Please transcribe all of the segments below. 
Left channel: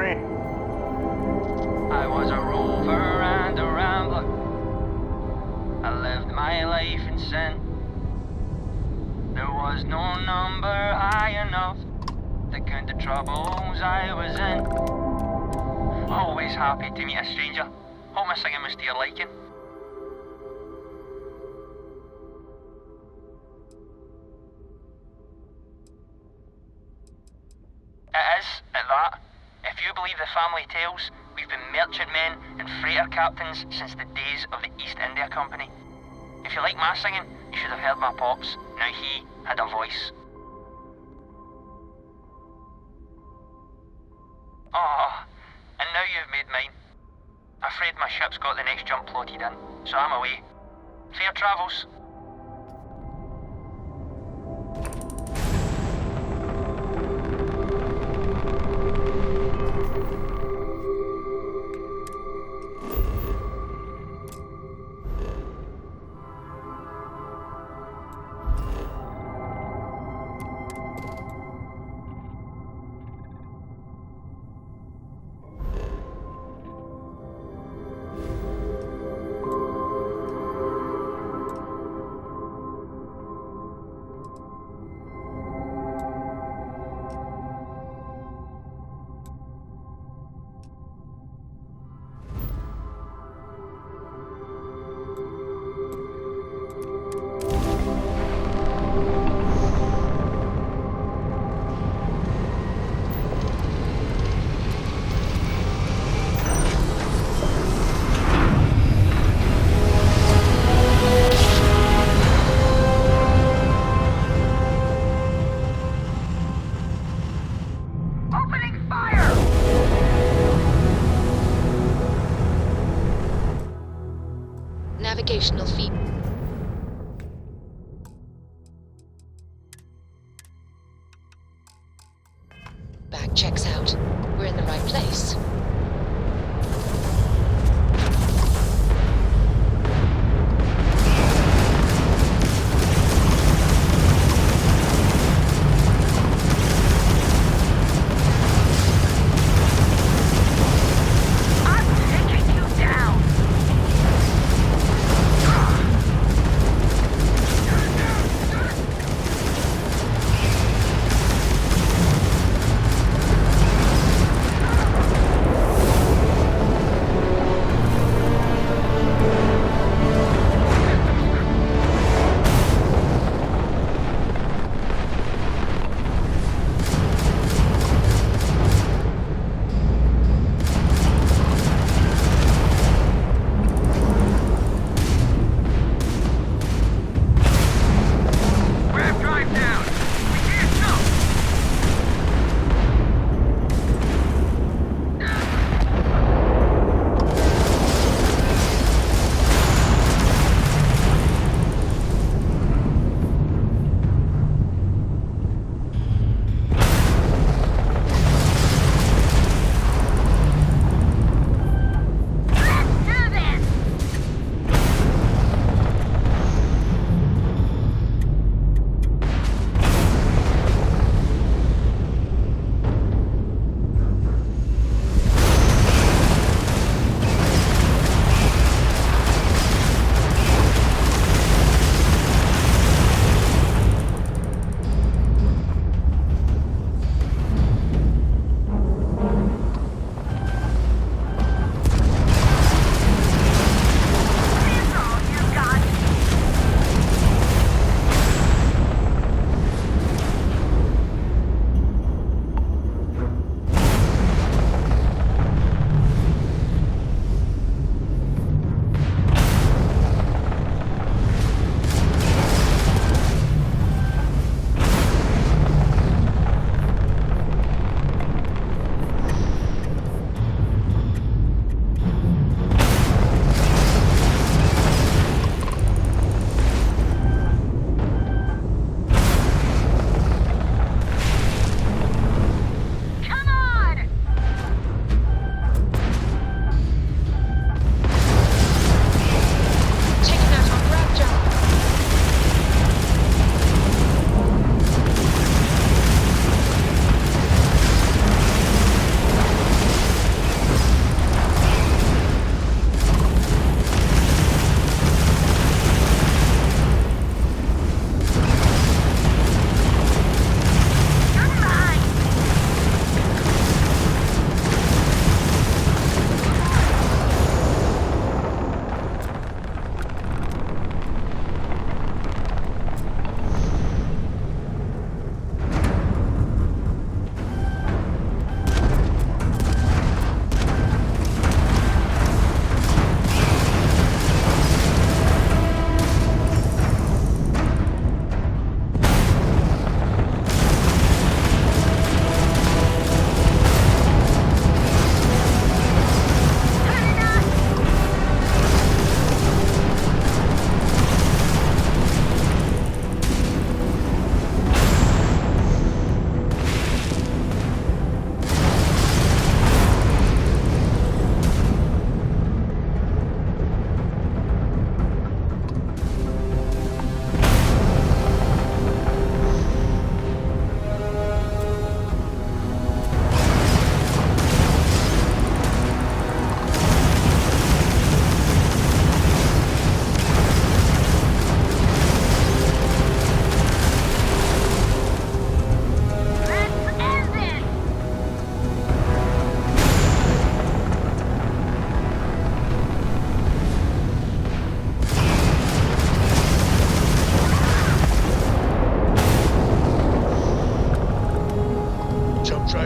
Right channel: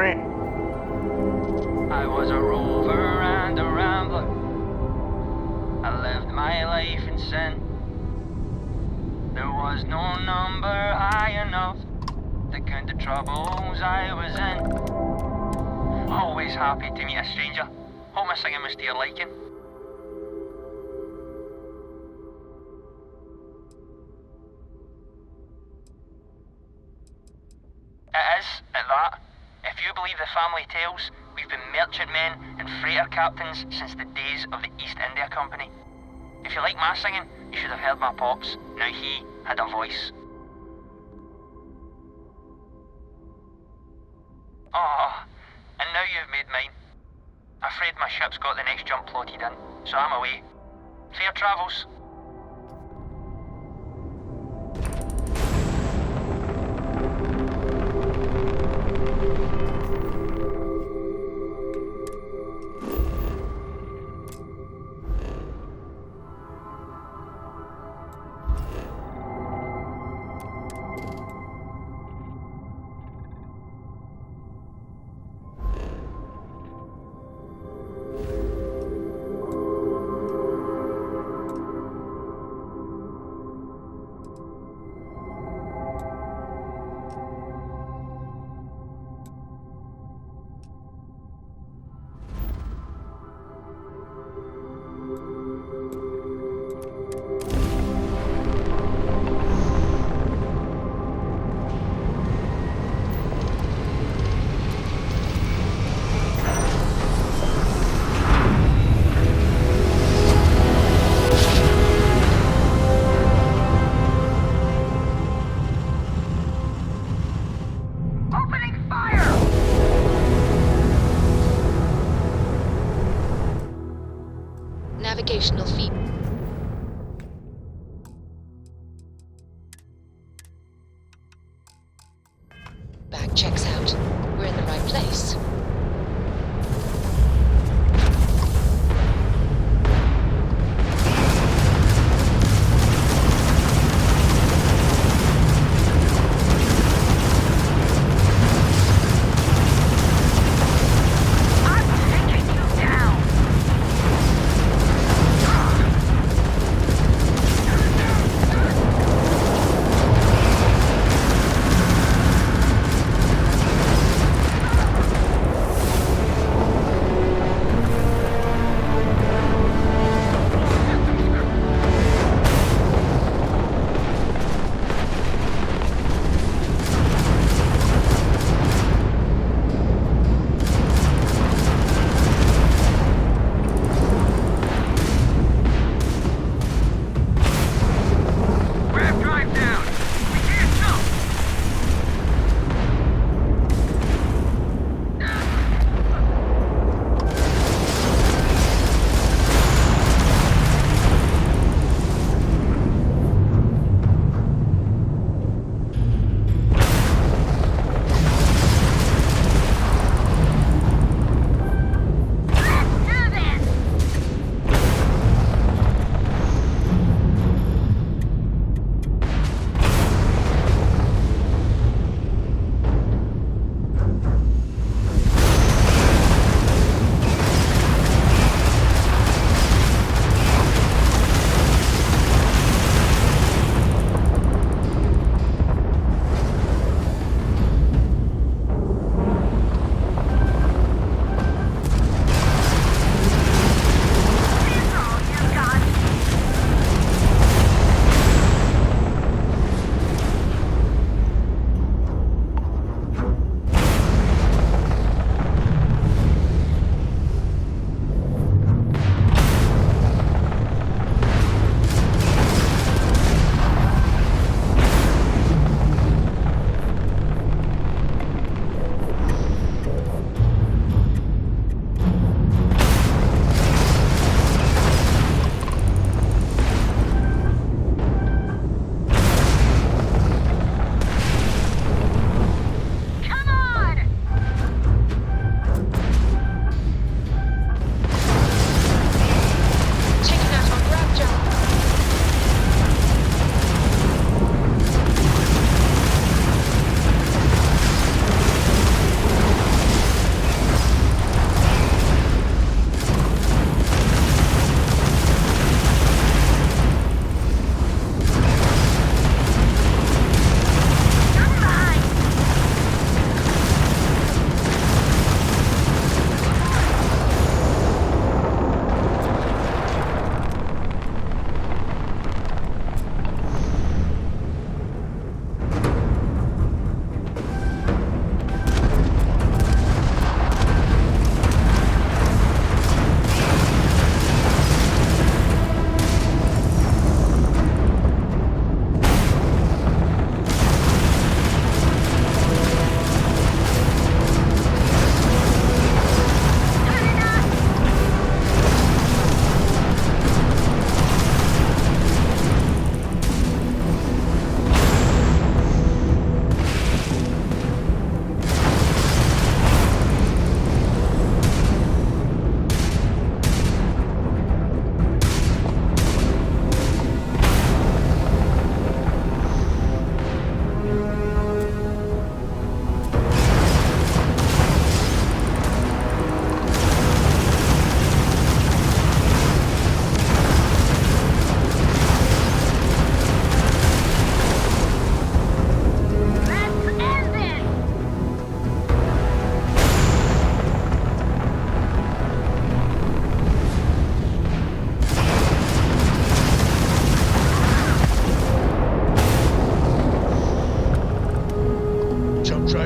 train. I was a rover and a rambler. I lived my life in sin. There was no number high enough to count the troubles I was in. Always happy to meet a stranger. Hope my singing was to your liking. It is, at that. If you believe the family tales, we've been merchantmen and freighter captains since the days of the East India Company. If you like my singing, you should have heard my pops. Now he had a voice. Oh, and now you've made mine. Afraid my ship's got the next jump plotted in, so I'm away. Fair travels. Navigational feed. Bag checks out. We're in the right place.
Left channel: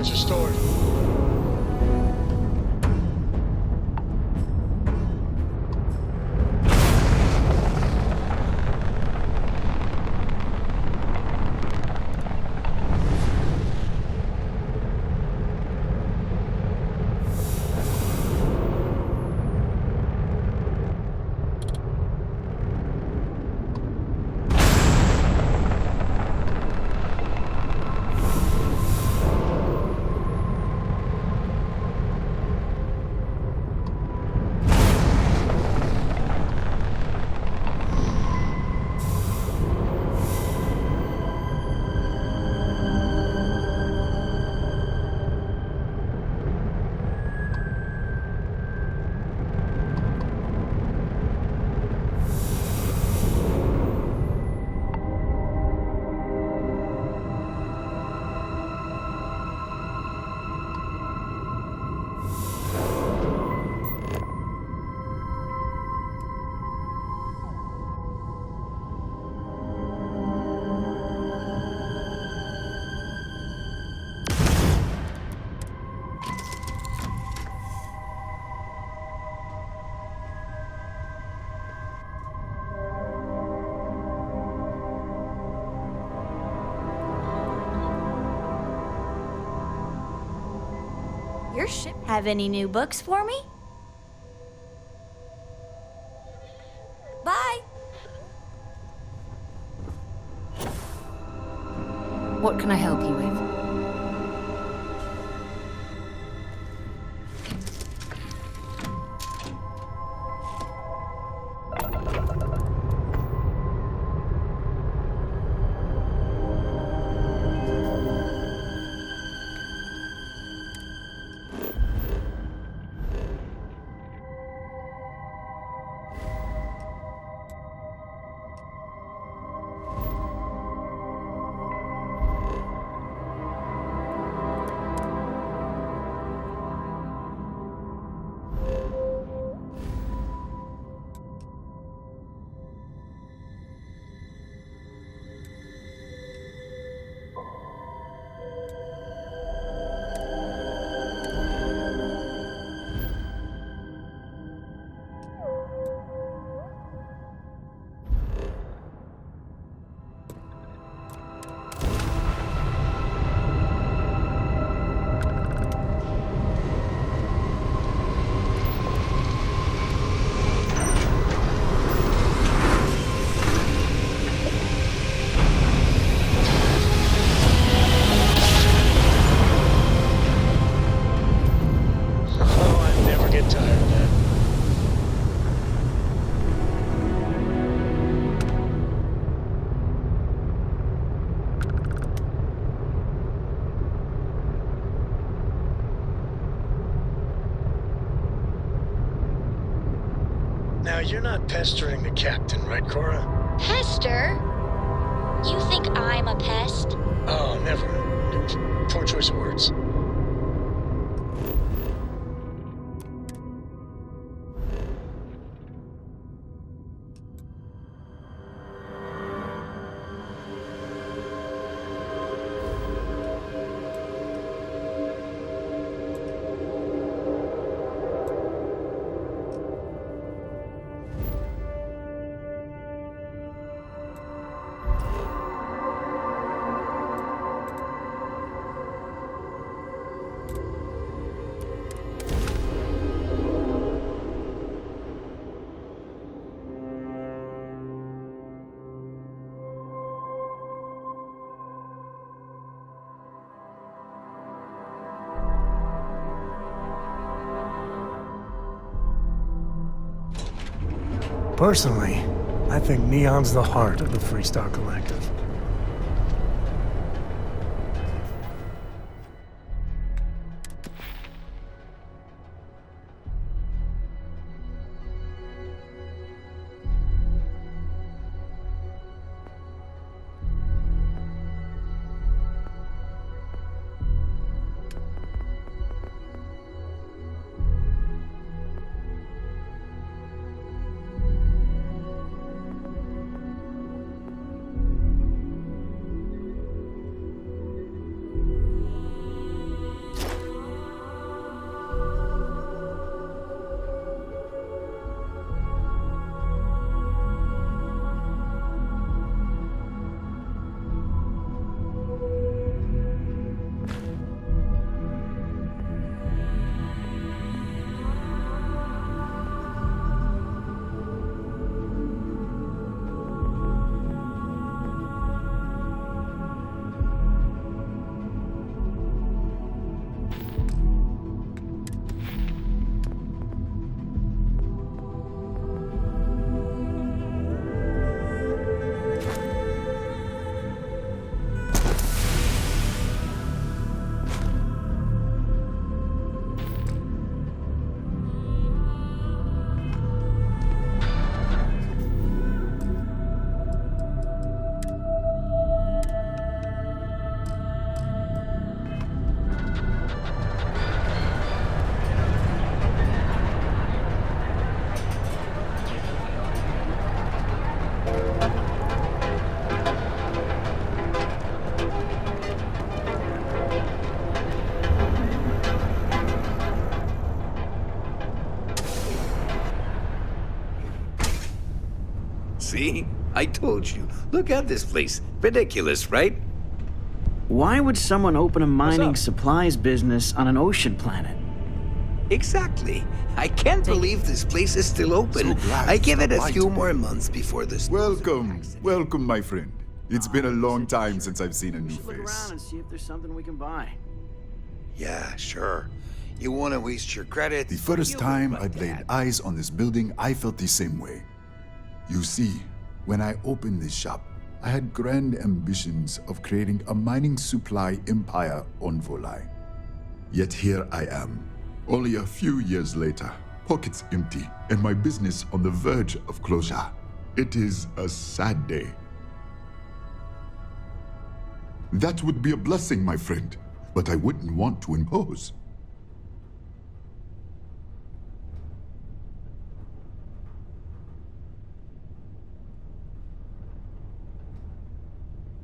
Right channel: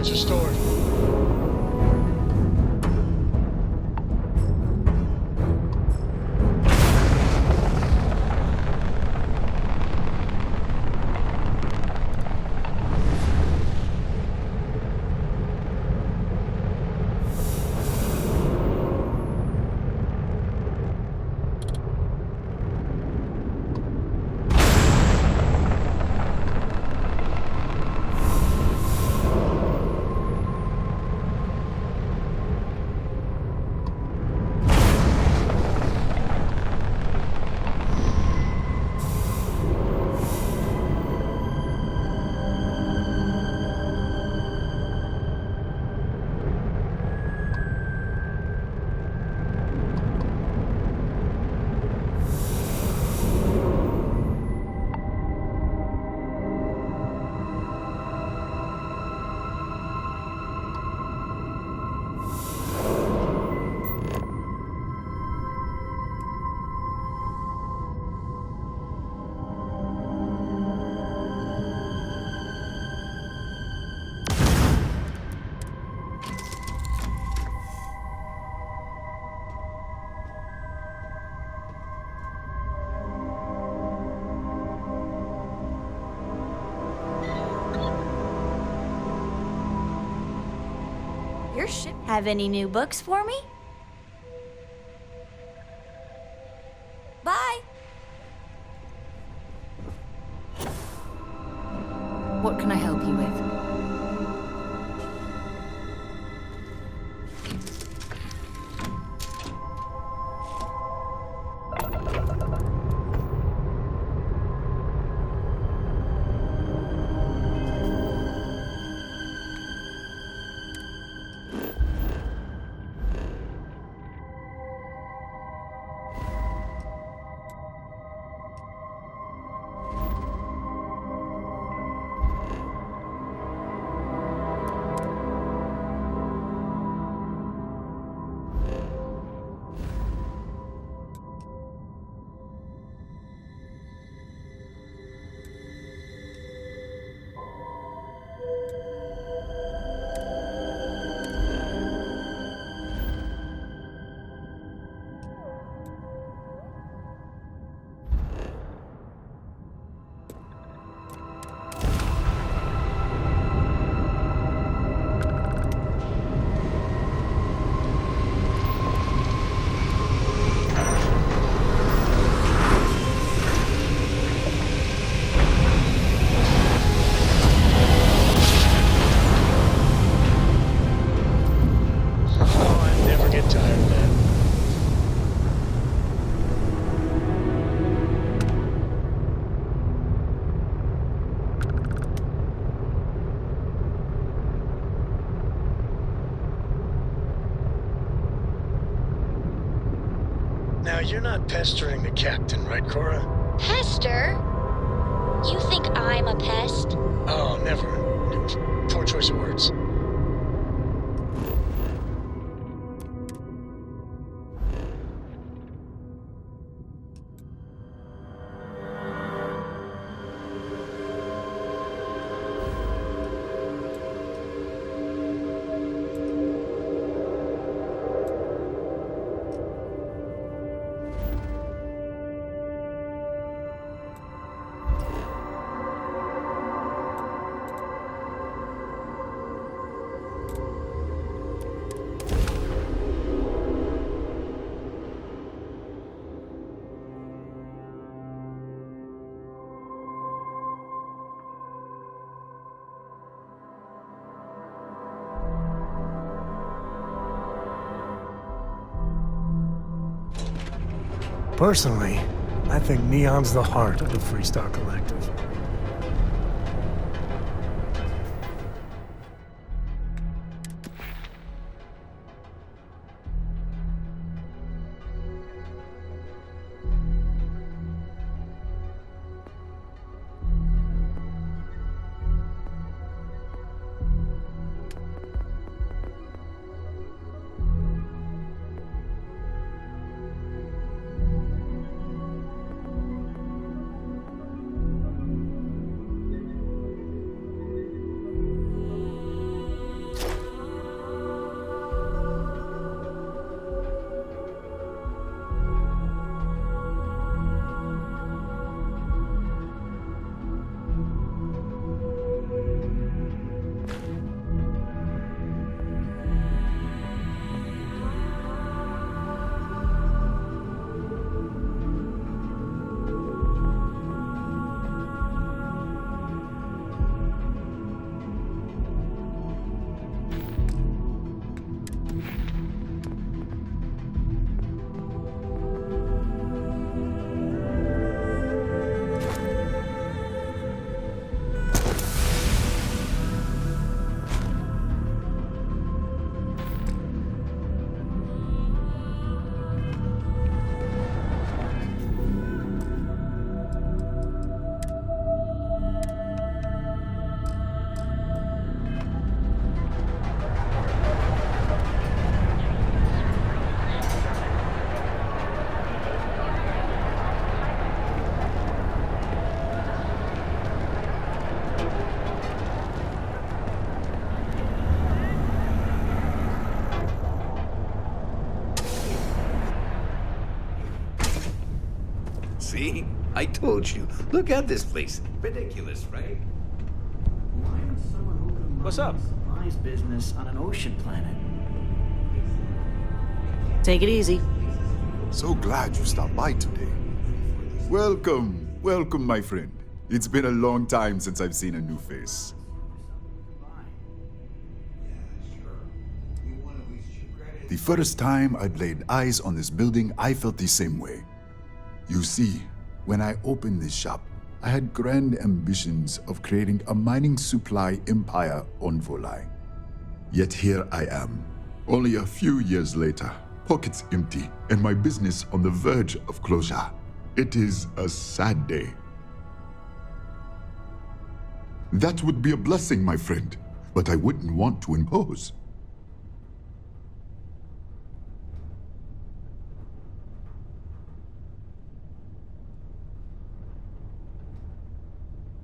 supplies are stored. Your ship have any new books for me? Bye! What can I help you with? Tired of that. Now, you're not pestering the captain, right, Cora? Pester? You think I'm a pest? Oh, never. Poor choice of words. Personally, I think Neon's the heart of the Freestar Collective. See? I told you. Look at this place. Ridiculous, right? Why would someone open a mining up? supplies business on an ocean planet? Exactly. I can't Take it believe easy. this place is still open. So glad I you give it stopped a by few today. more months before this. Welcome, welcome, my friend. It's been a long time since I've seen a new Look around face. and see if there's something we can buy. Yeah, sure. You want to waste your credit? The first time I'd laid eyes on this building, I felt the same way. You see, when I opened this shop, I had grand ambitions of creating a mining supply empire on Volai. Yet here I am, only a few years later, pockets empty, and my business on the verge of closure. It is a sad day. That would be a blessing, my friend, but I wouldn't want to impose.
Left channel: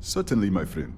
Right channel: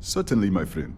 Certainly, my friend.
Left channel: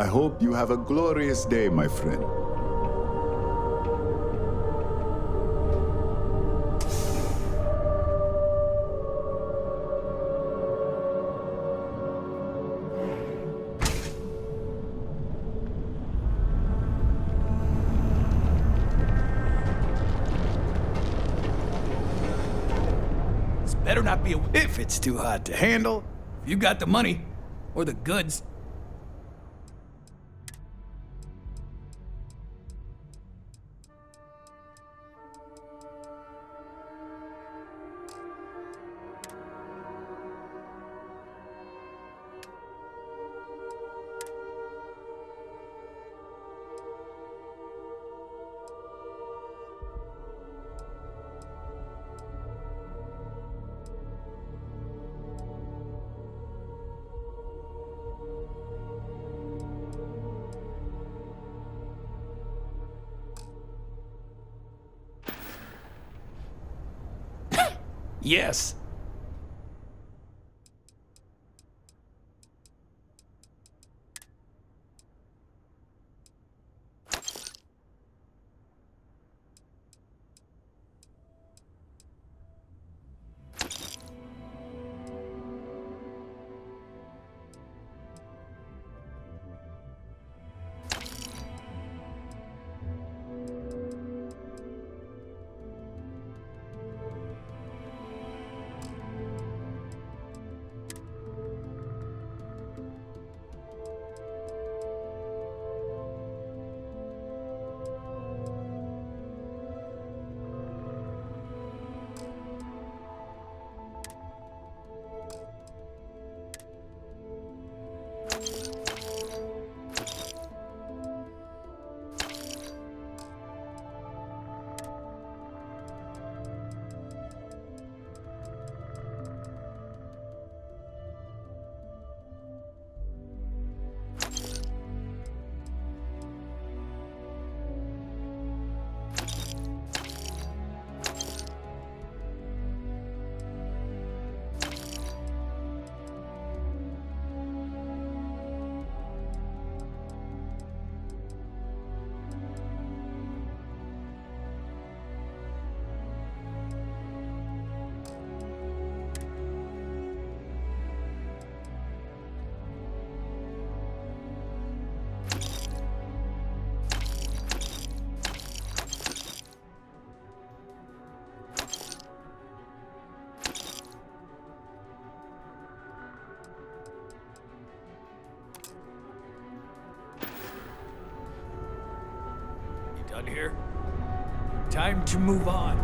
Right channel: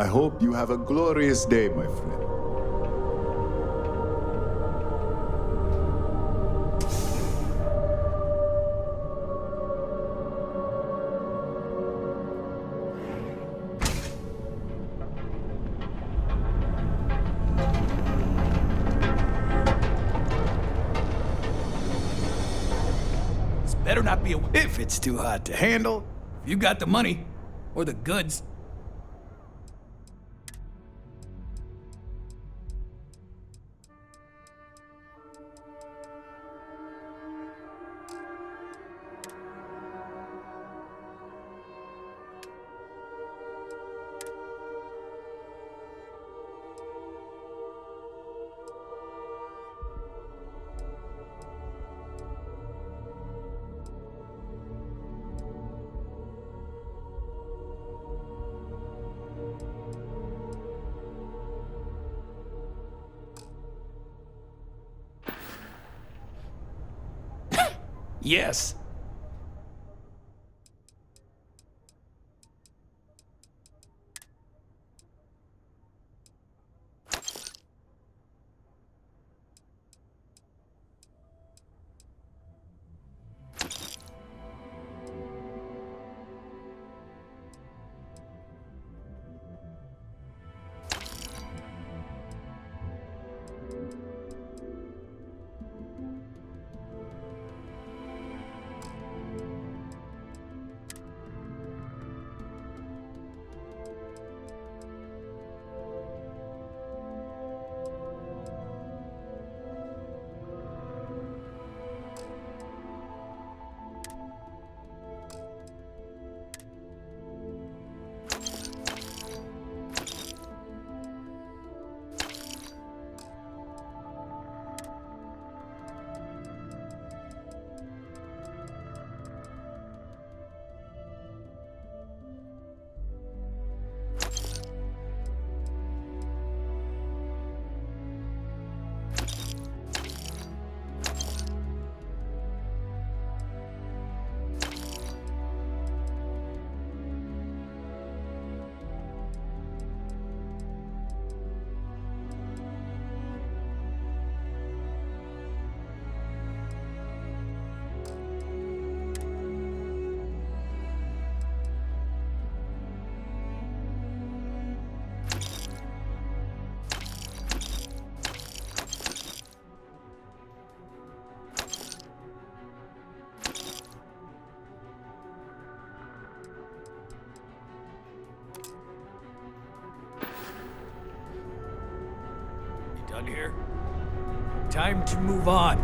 I hope you have a glorious day, my friend. This better not be a... If it's too hot to handle, if you got the money, or the goods. Yes. around here. Time to move on.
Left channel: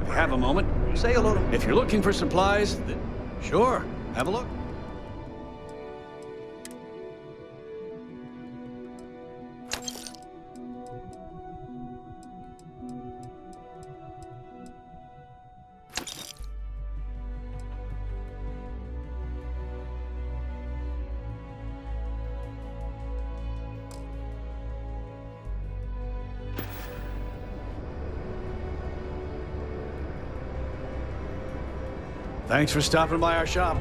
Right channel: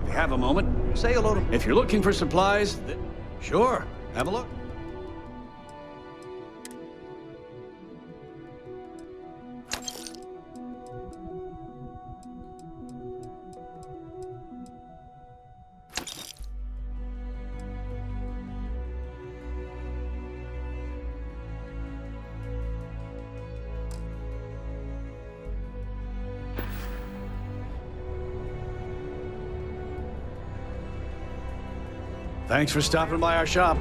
If you have a moment, say hello to... If you're looking for supplies, then sure, have a look. Thanks for stopping by our shop.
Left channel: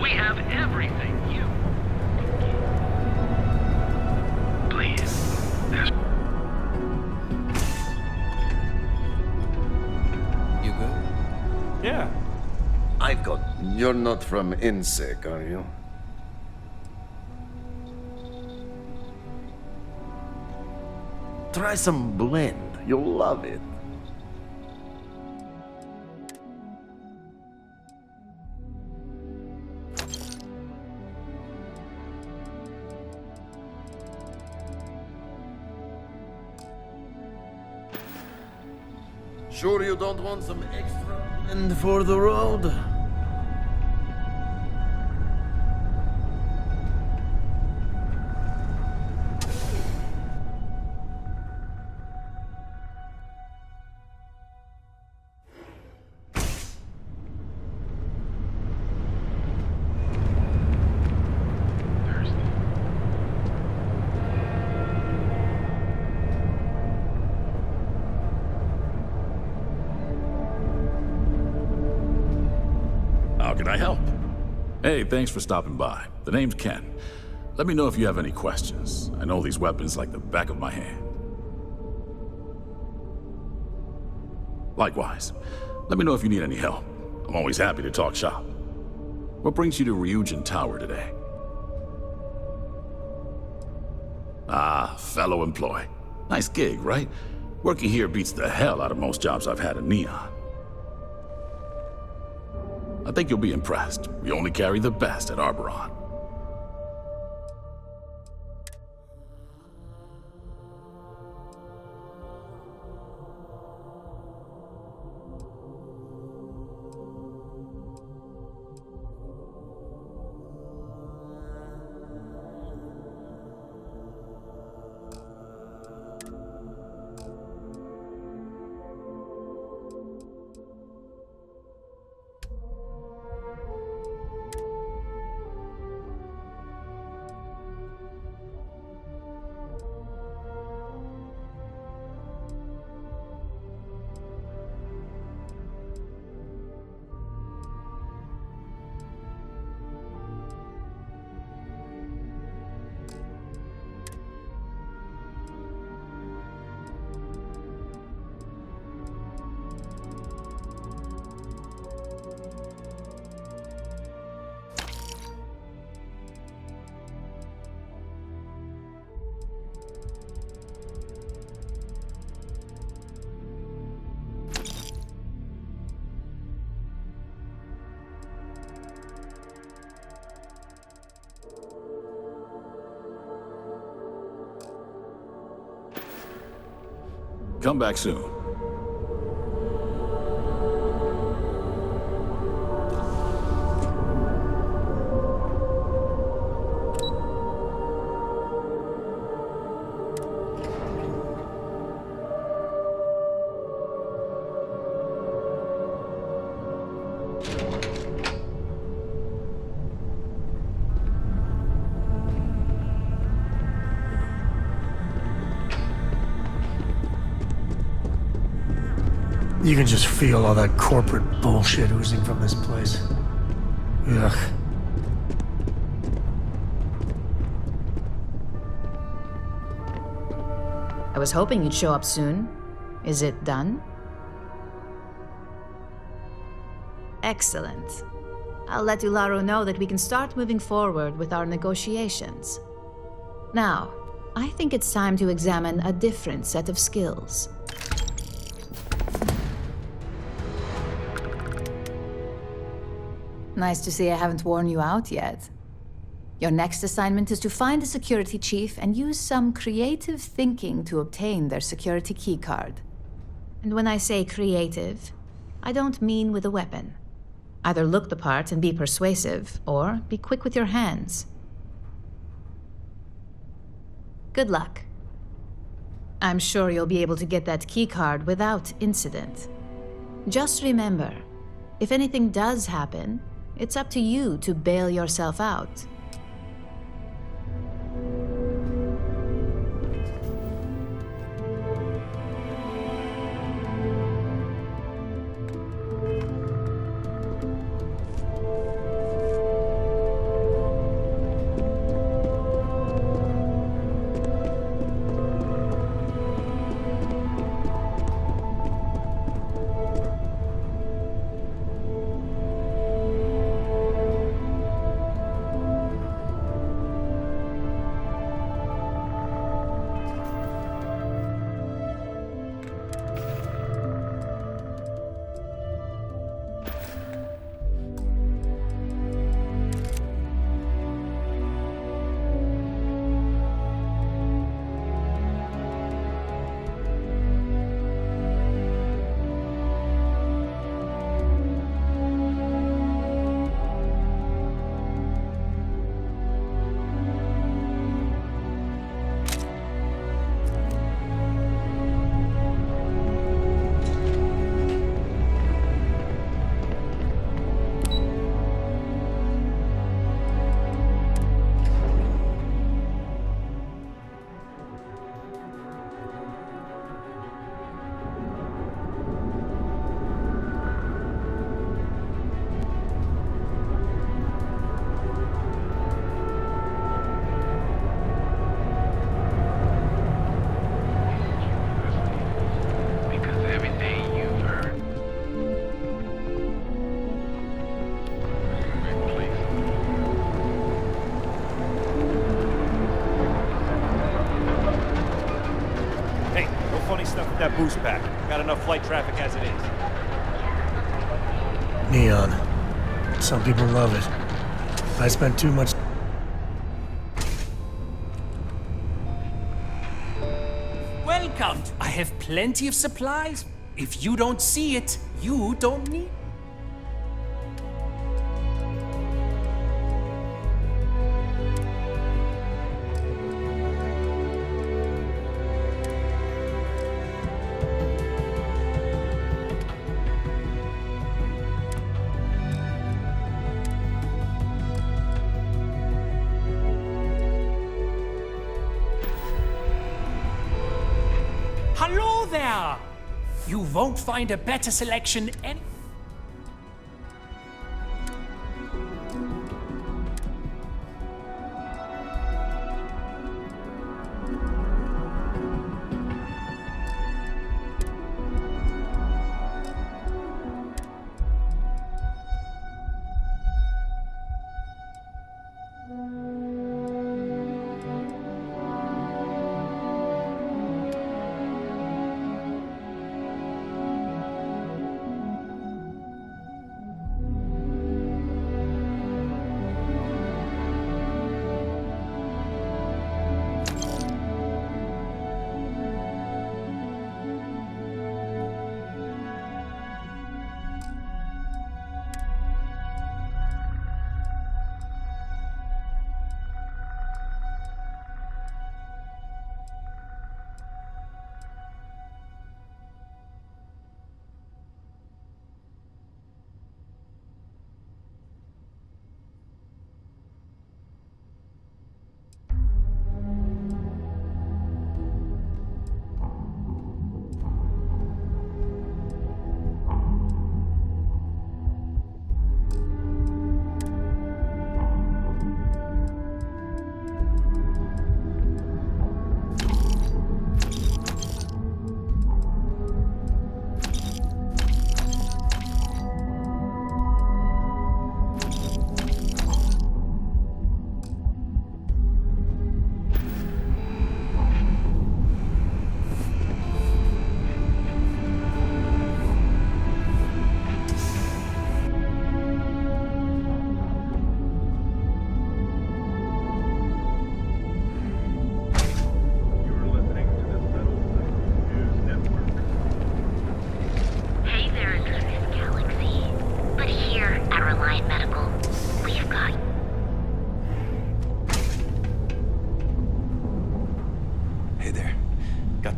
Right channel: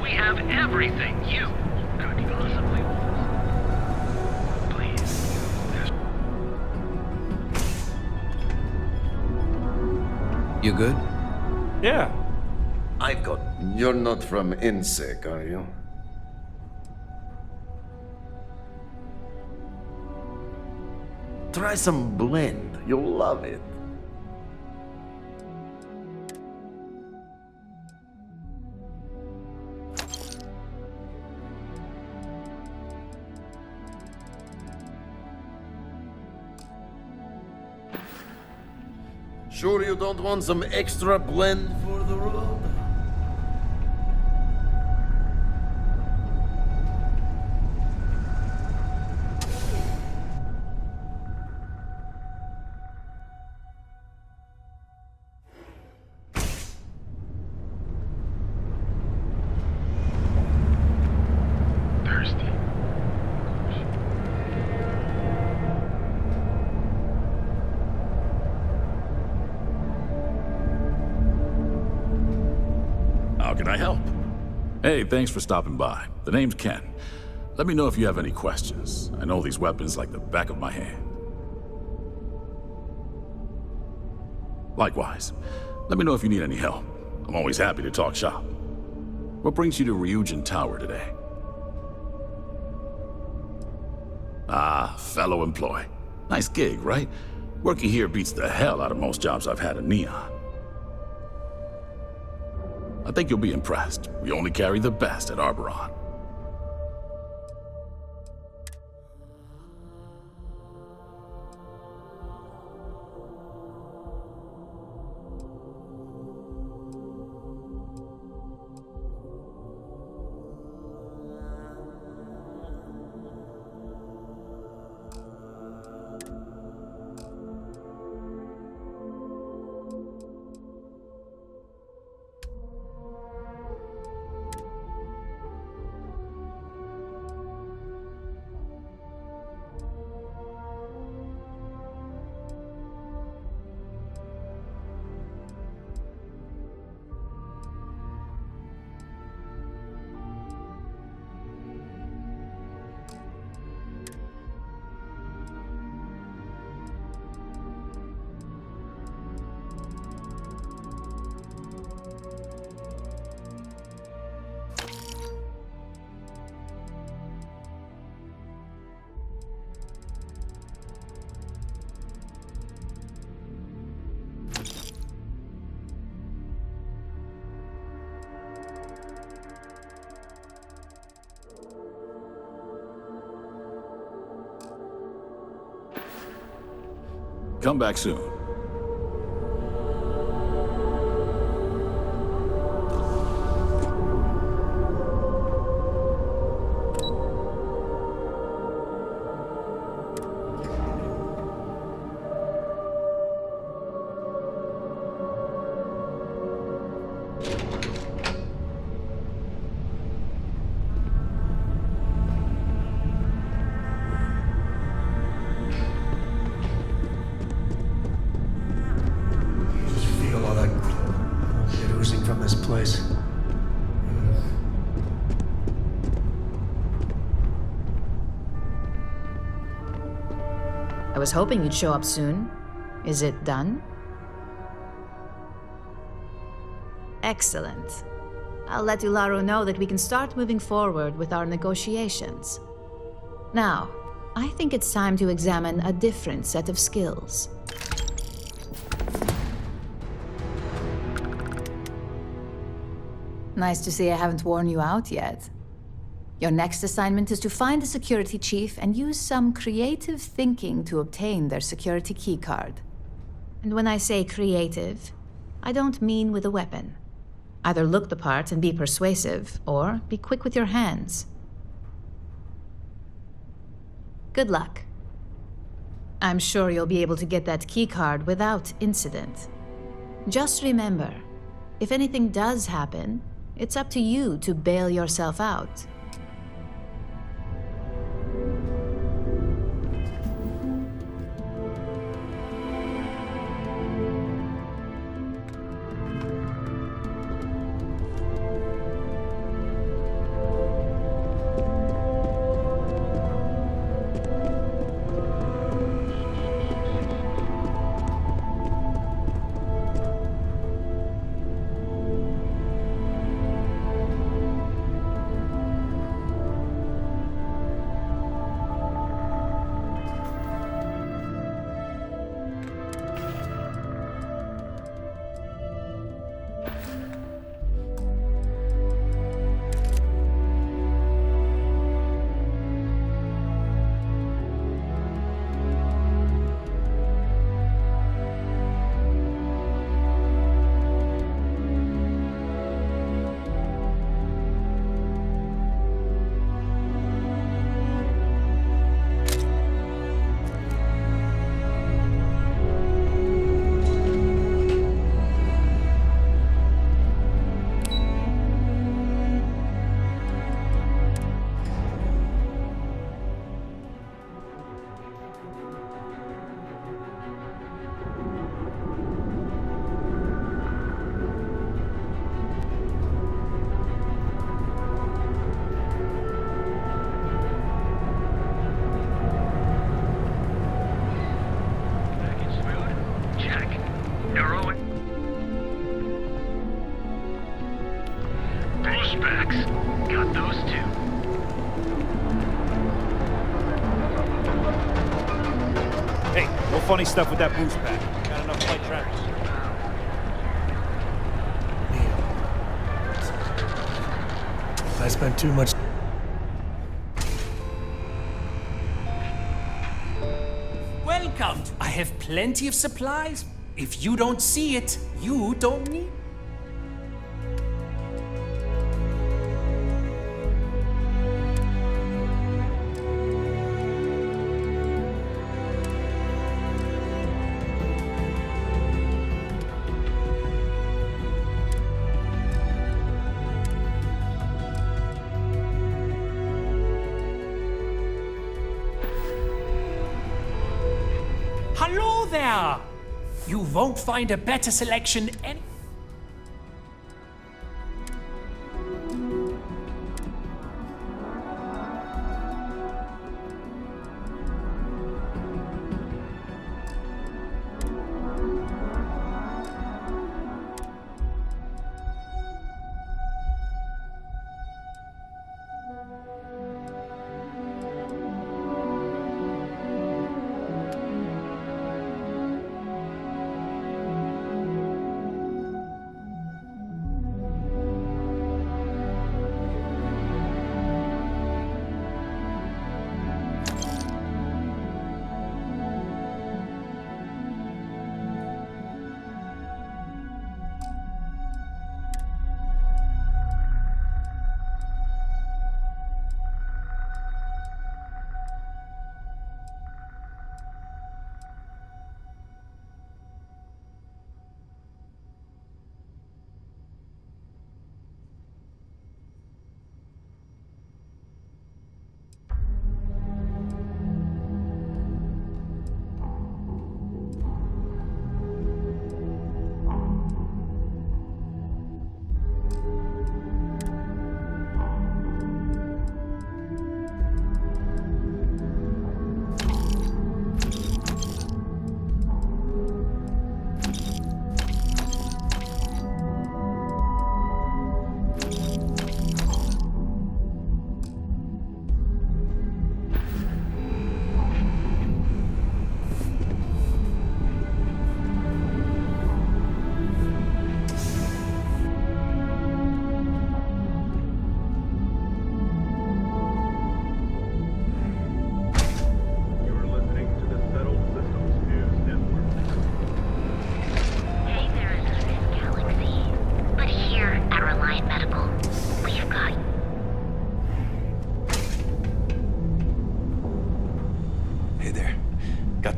We have everything you... Please. You good? Yeah. I've got... You're not from INSEC, are you? Try some blend. You'll love it. Sure you don't want some extra blend for the road? Thirsty. How can I help? Hey, thanks for stopping by. The name's Ken. Let me know if you have any questions. I know these weapons like the back of my hand. Likewise, let me know if you need any help. I'm always happy to talk shop. What brings you to Ryujin Tower today? Ah, fellow employee. Nice gig, right? Working here beats the hell out of most jobs I've had in Neon. I think you'll be impressed. We only carry the best at Arboron. Come back soon. You can just feel all that corporate bullshit oozing from this place. Ugh. I was hoping you'd show up soon. Is it done? Excellent. I'll let Ularo know that we can start moving forward with our negotiations. Now, I think it's time to examine a different set of skills. Nice to see I haven't worn you out yet. Your next assignment is to find the security chief and use some creative thinking to obtain their security keycard. And when I say creative, I don't mean with a weapon. Either look the part and be persuasive, or be quick with your hands. Good luck. I'm sure you'll be able to get that keycard without incident. Just remember, if anything does happen, it's up to you to bail yourself out. Funny stuff with that boost pack. Got enough flight traffic as it is. Neon. Some people love it. I spent too much... Welcome. I have plenty of supplies. If you don't see it, you don't need... Hello there! You won't find a better selection any...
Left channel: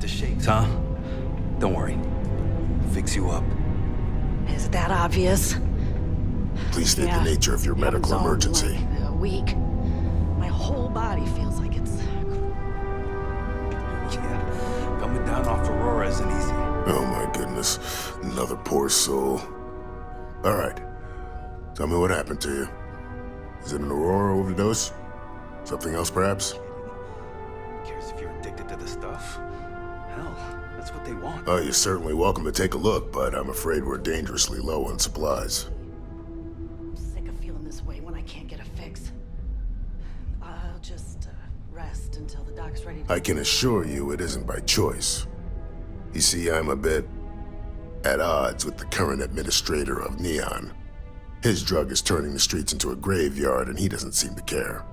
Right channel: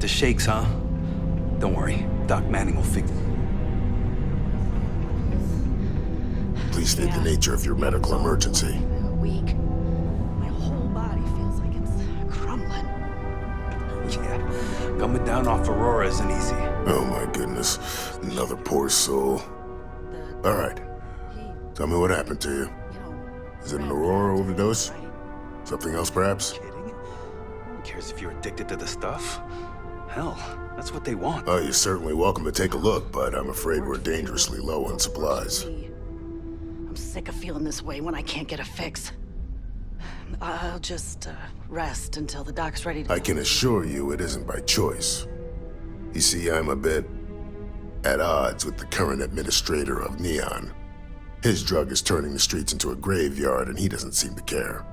the shakes, huh? Don't worry, Doc Manning will fix you up. Is that obvious? Please state the nature of your medical emergency. A week. My whole body feels like it's crumbling. Yeah, coming down off Aurora isn't easy. Oh my goodness. Another poor soul. Alright. Tell me what happened to you. Is it an Aurora overdose? Something else, perhaps? Who cares if you're addicted to the stuff? Hell, that's what they want. Oh, you're certainly welcome to take a look, but I'm afraid we're dangerously low on supplies. I'm sick of feeling this way when I can't get a fix. I'll just rest until the doc's ready to... I can assure you it isn't by choice. You see, I'm a bit at odds with the current administrator of Neon. His drug is turning the streets into a graveyard, and he doesn't seem to care.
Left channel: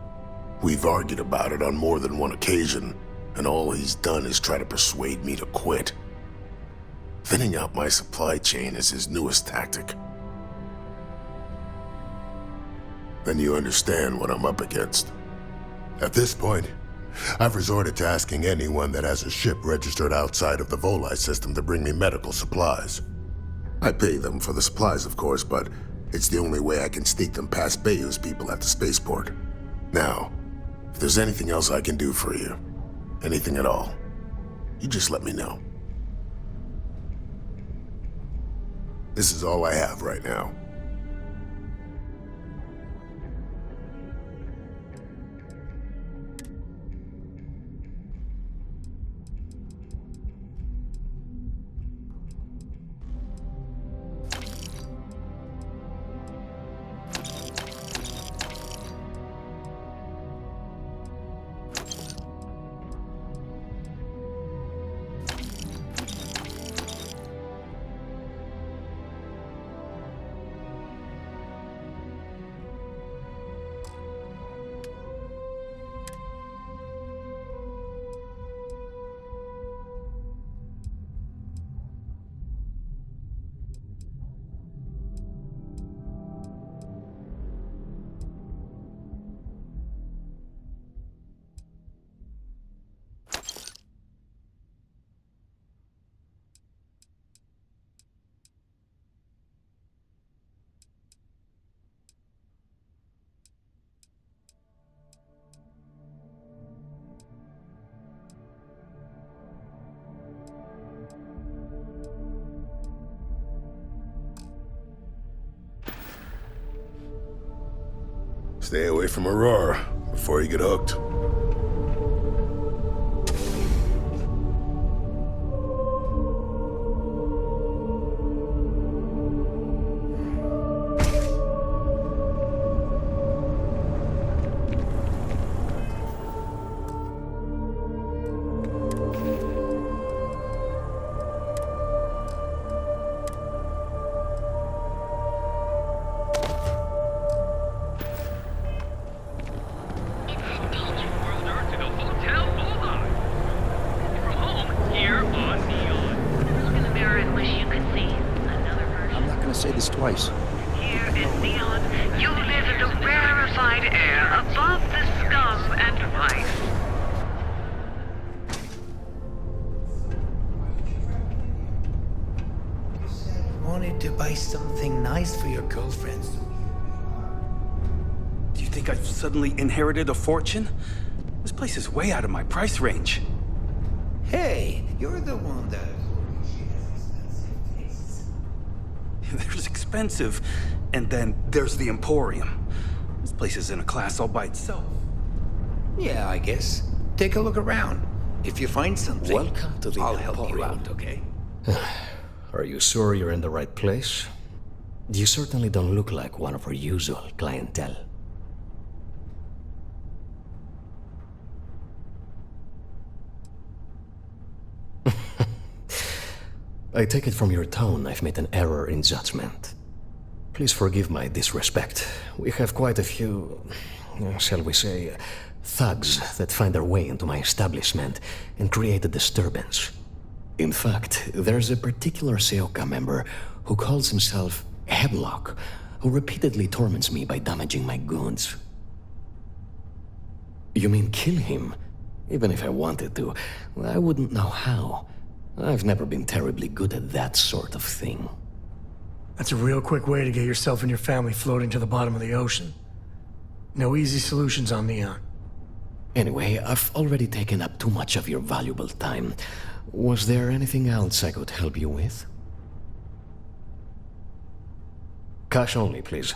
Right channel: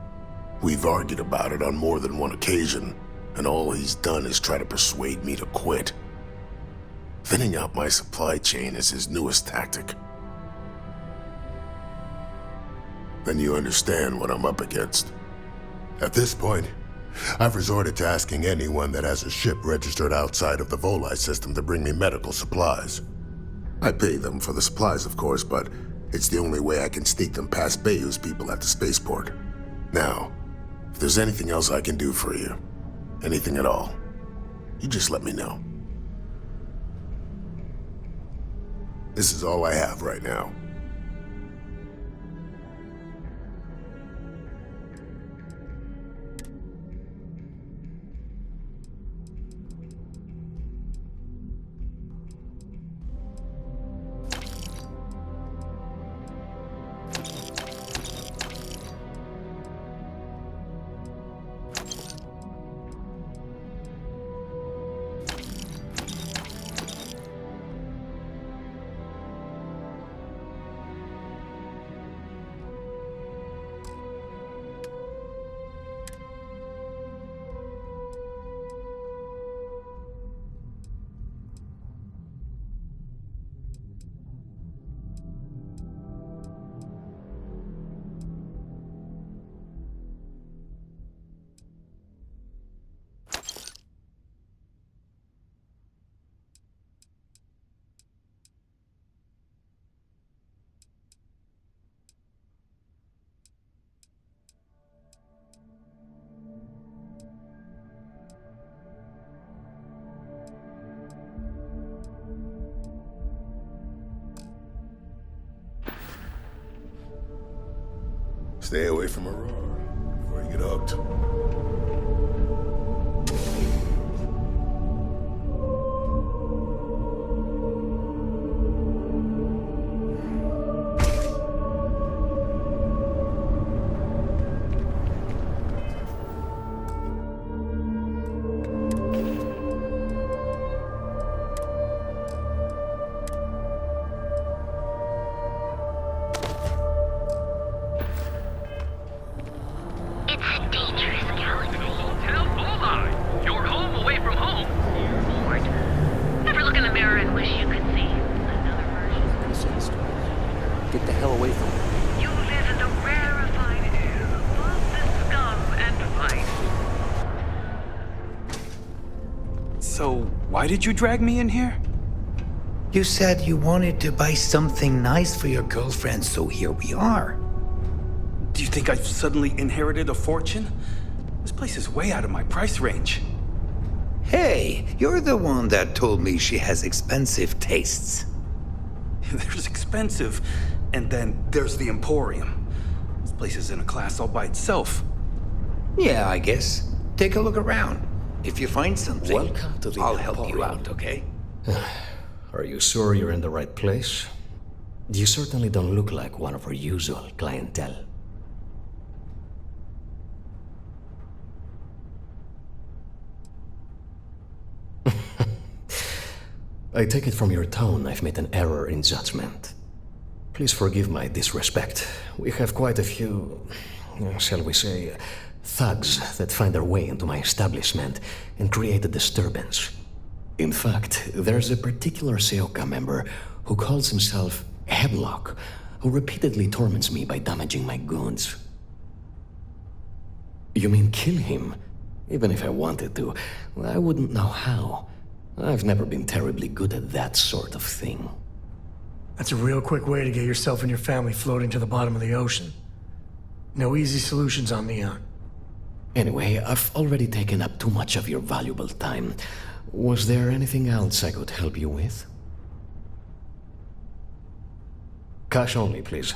We've argued about it on more than one occasion, and all he's done is try to persuade me to quit. Thinning out my supply chain is his newest tactic. Then you understand what I'm up against. At this point, I've resorted to asking anyone that has a ship registered outside of the Volii system to bring me medical supplies. I pay them for the supplies, of course, but it's the only way I can sneak them past Bayou's people at the spaceport. Now, if there's anything else I can do for you, anything at all, you just let me know. This is all I have right now. Stay away from Aurora before you get hooked. Say this twice. Get the hell away from me. You live in the rarefied air above the scum and vice. So, why did you drag me in here? You said you wanted to buy something nice for your girlfriend, so here we are. Do you think I've suddenly inherited a fortune? This place is way out of my price range. Hey, you're the one that told me she has expensive tastes. There's expensive, and then there's the Emporium. This place is in a class all by itself. Yeah, I guess. Take a look around. If you find something, welcome to the I'll Emporium. help you out, okay? Are you sure you're in the right place? You certainly don't look like one of our usual clientele. I take it from your tone I've made an error in judgment. Please forgive my disrespect. We have quite a few, shall we say, thugs that find their way into my establishment and create a disturbance. In fact, there's a particular Seoka member who calls himself Hemlock, who repeatedly torments me by damaging my goods. You mean kill him? Even if I wanted to, I wouldn't know how. I've never been terribly good at that sort of thing. That's a real quick way to get yourself and your family floating to the bottom of the ocean. No easy solutions on Neon. Anyway, I've already taken up too much of your valuable time. Was there anything else I could help you with? Cash only, please.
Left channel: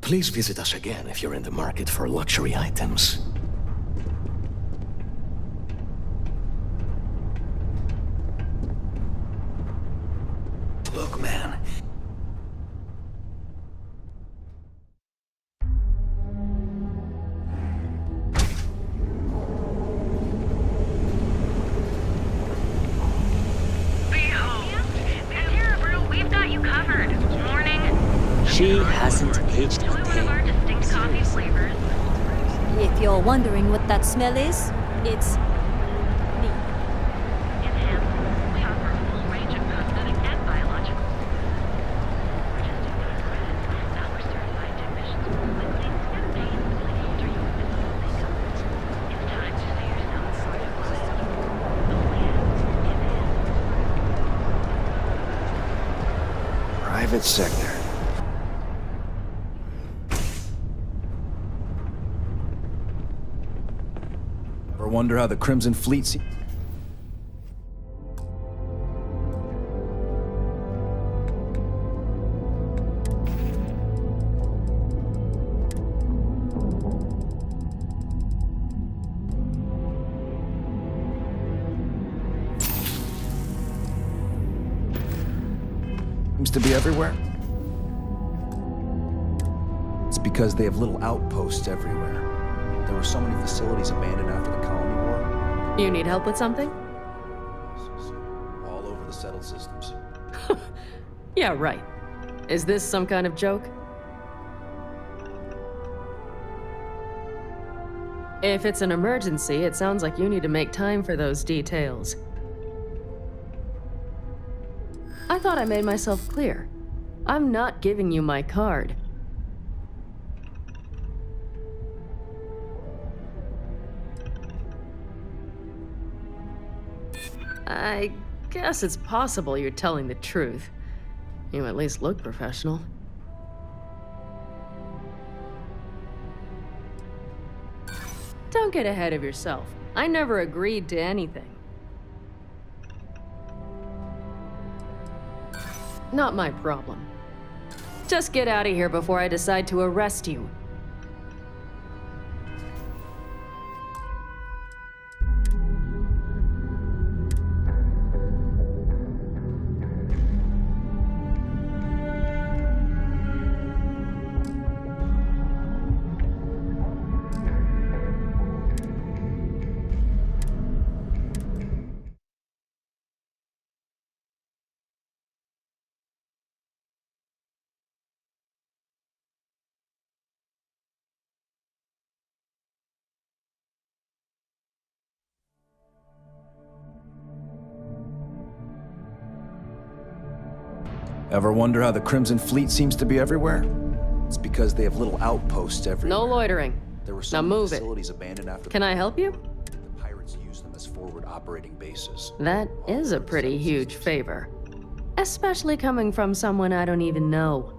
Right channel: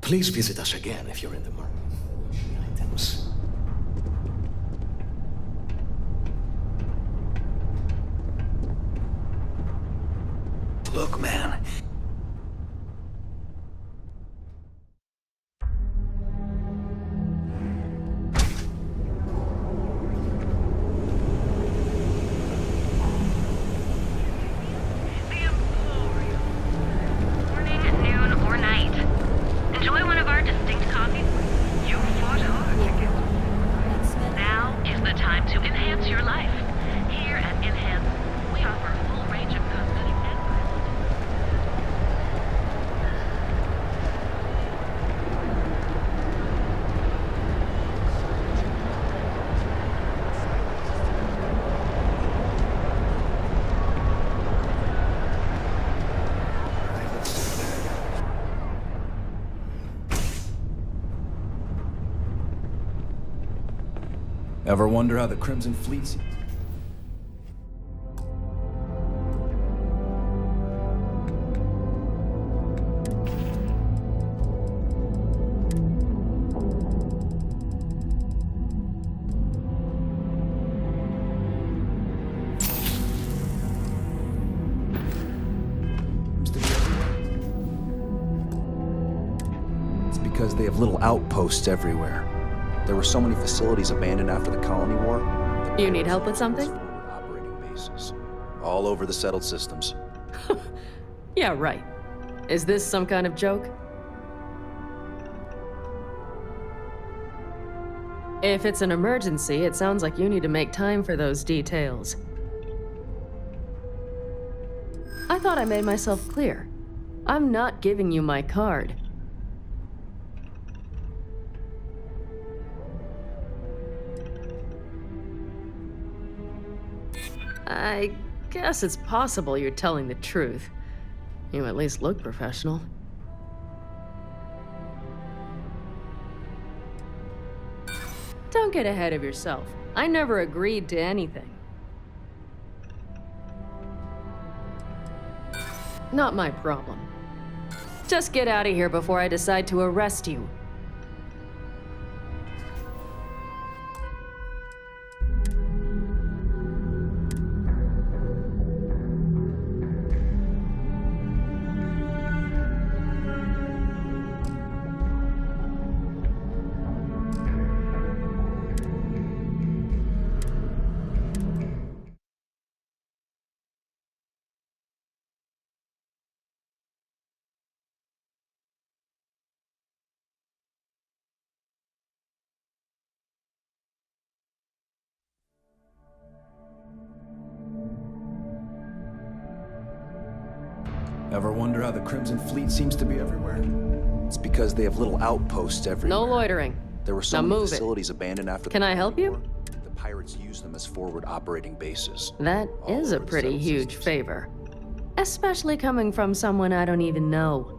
Please visit us again if you're in the market for luxury items. Look, man. If you're wondering what that smell is, The time to enhance your life. Here at Enhance, we offer a full range of cosmetic and biological. Private sector. Ever wonder how the Crimson Fleet seems to be everywhere? It's because they have little outposts everywhere. There were so many facilities abandoned after the colony war. You need help with something? Operating bases all over the settled systems. Yeah, right. Is this some kind of joke? If it's an emergency, it sounds like you need to make time for those details. I thought I made myself clear. I'm not giving you my card. I guess it's possible you're telling the truth. You at least look professional. Don't get ahead of yourself. I never agreed to anything. Not my problem. Just get out of here before I decide to arrest you. Ever wonder how the Crimson Fleet seems to be everywhere? It's because they have little outposts everywhere. No loitering. There were so Now many move facilities abandoned after Can I help you? the pirates used them as forward operating bases. That is a pretty huge favor. Especially coming from someone I don't even know.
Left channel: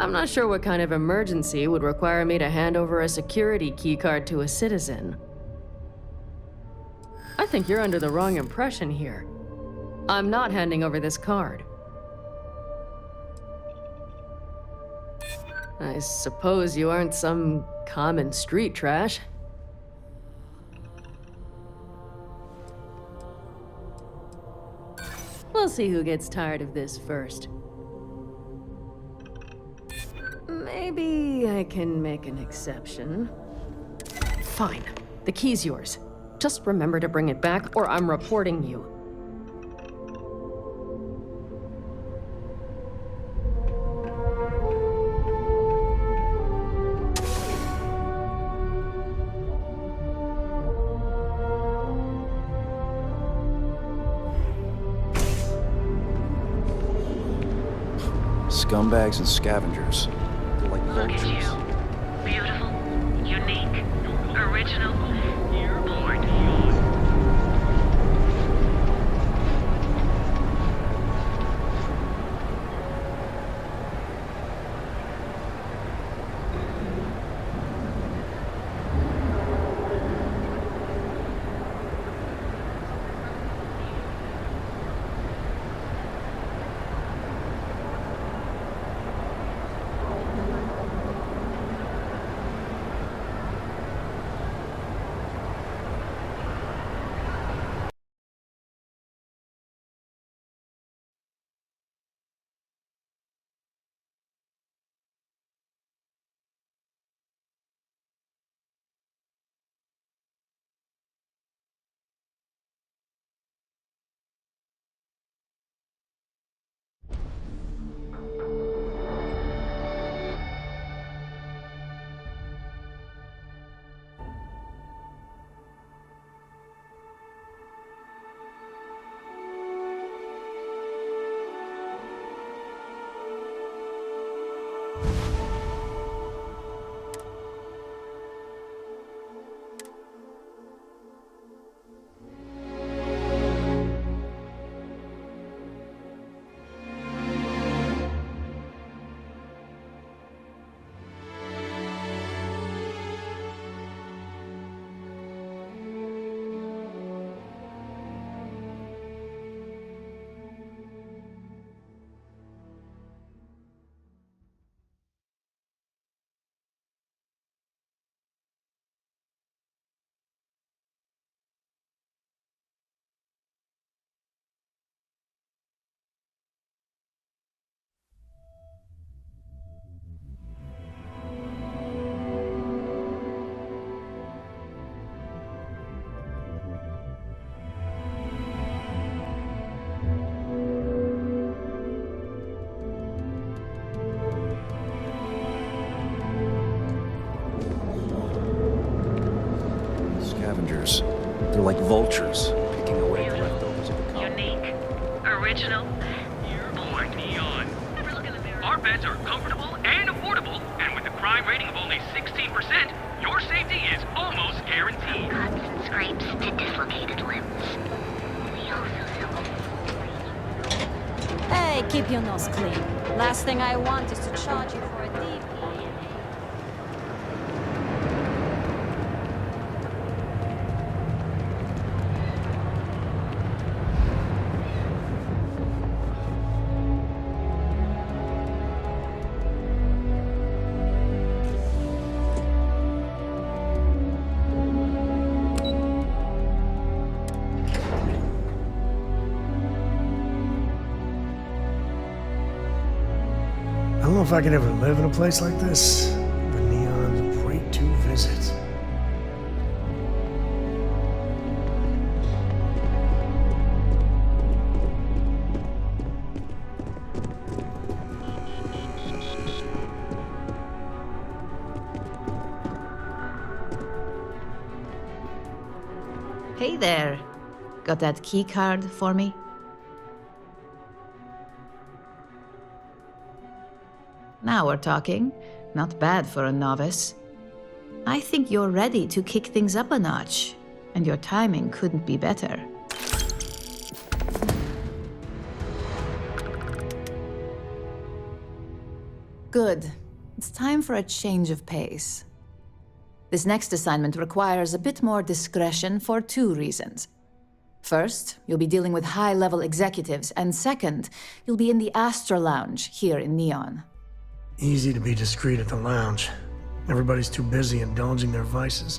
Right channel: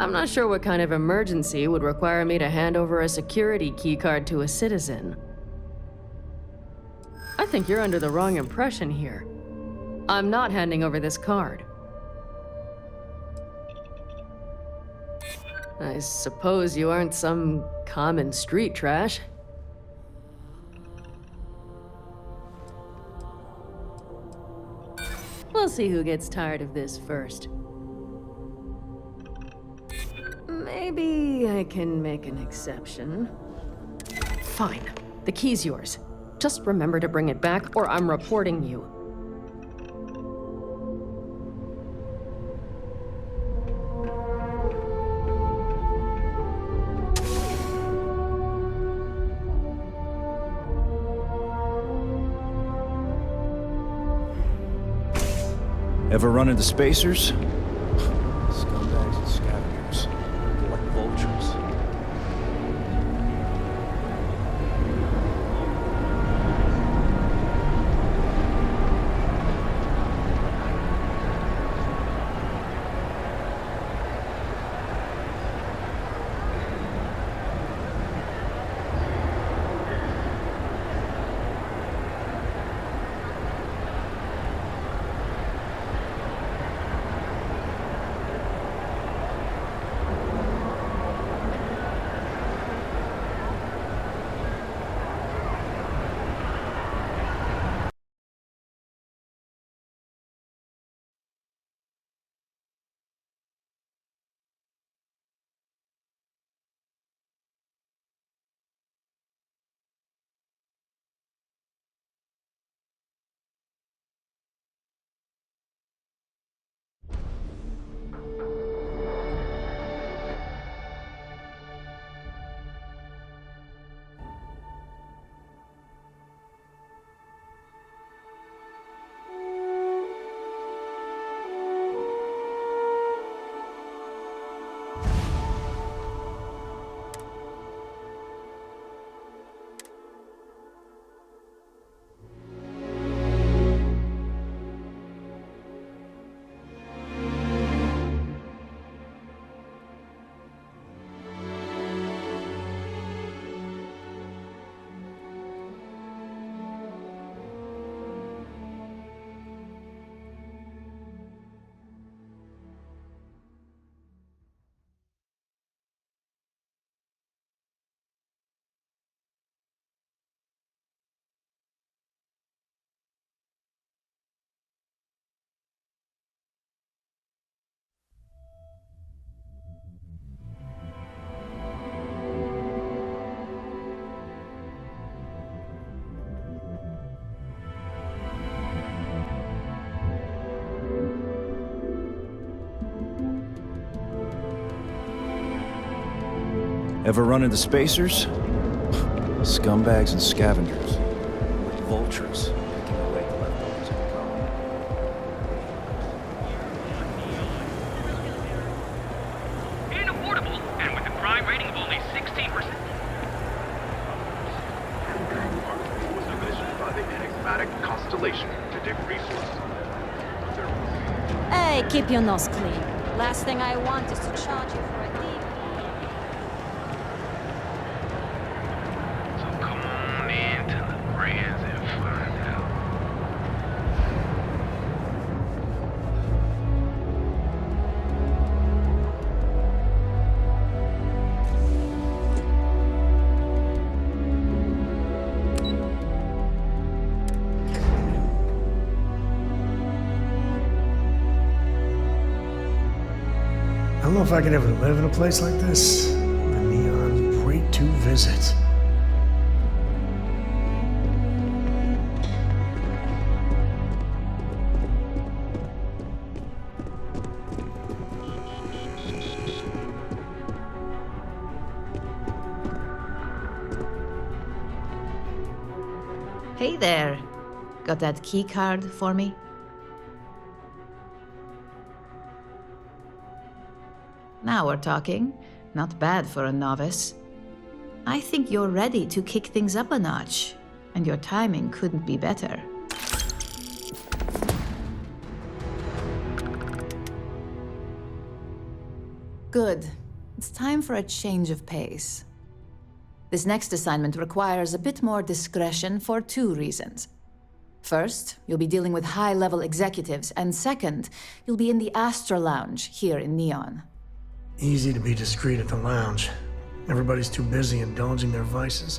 I'm not sure what kind of emergency would require me to hand over a security keycard to a citizen. I think you're under the wrong impression here. I'm not handing over this card. I suppose you aren't some common street trash. We'll see who gets tired of this first. Maybe Maybe I can make an exception. Fine. The key's yours. Just remember to bring it back, or I'm reporting you. Ever run into spacers? Scumbags and scavengers. They're like vultures. Beautiful, unique, original. You're born. Ever run into spacers? Scumbags and scavengers. They're like vultures, picking away at the leftovers of the colony. Unique, original. You're born. Neon. Our beds are comfortable and affordable, and with a crime rating of only 16%, your safety is almost guaranteed. Hey, keep your nose clean. Last thing I want is to charge you for a DP. I don't know if I could ever live in a place like this, but Neon's great to visit. Hey there. Got that key card for me? Now we're talking. Not bad for a novice. I think you're ready to kick things up a notch, and your timing couldn't be better. Good. It's time for a change of pace. This next assignment requires a bit more discretion for 2 reasons. First, you'll be dealing with high-level executives, and second, you'll be in the Astra Lounge here in Neon. Easy to be discreet at the lounge. Everybody's too busy indulging their vices.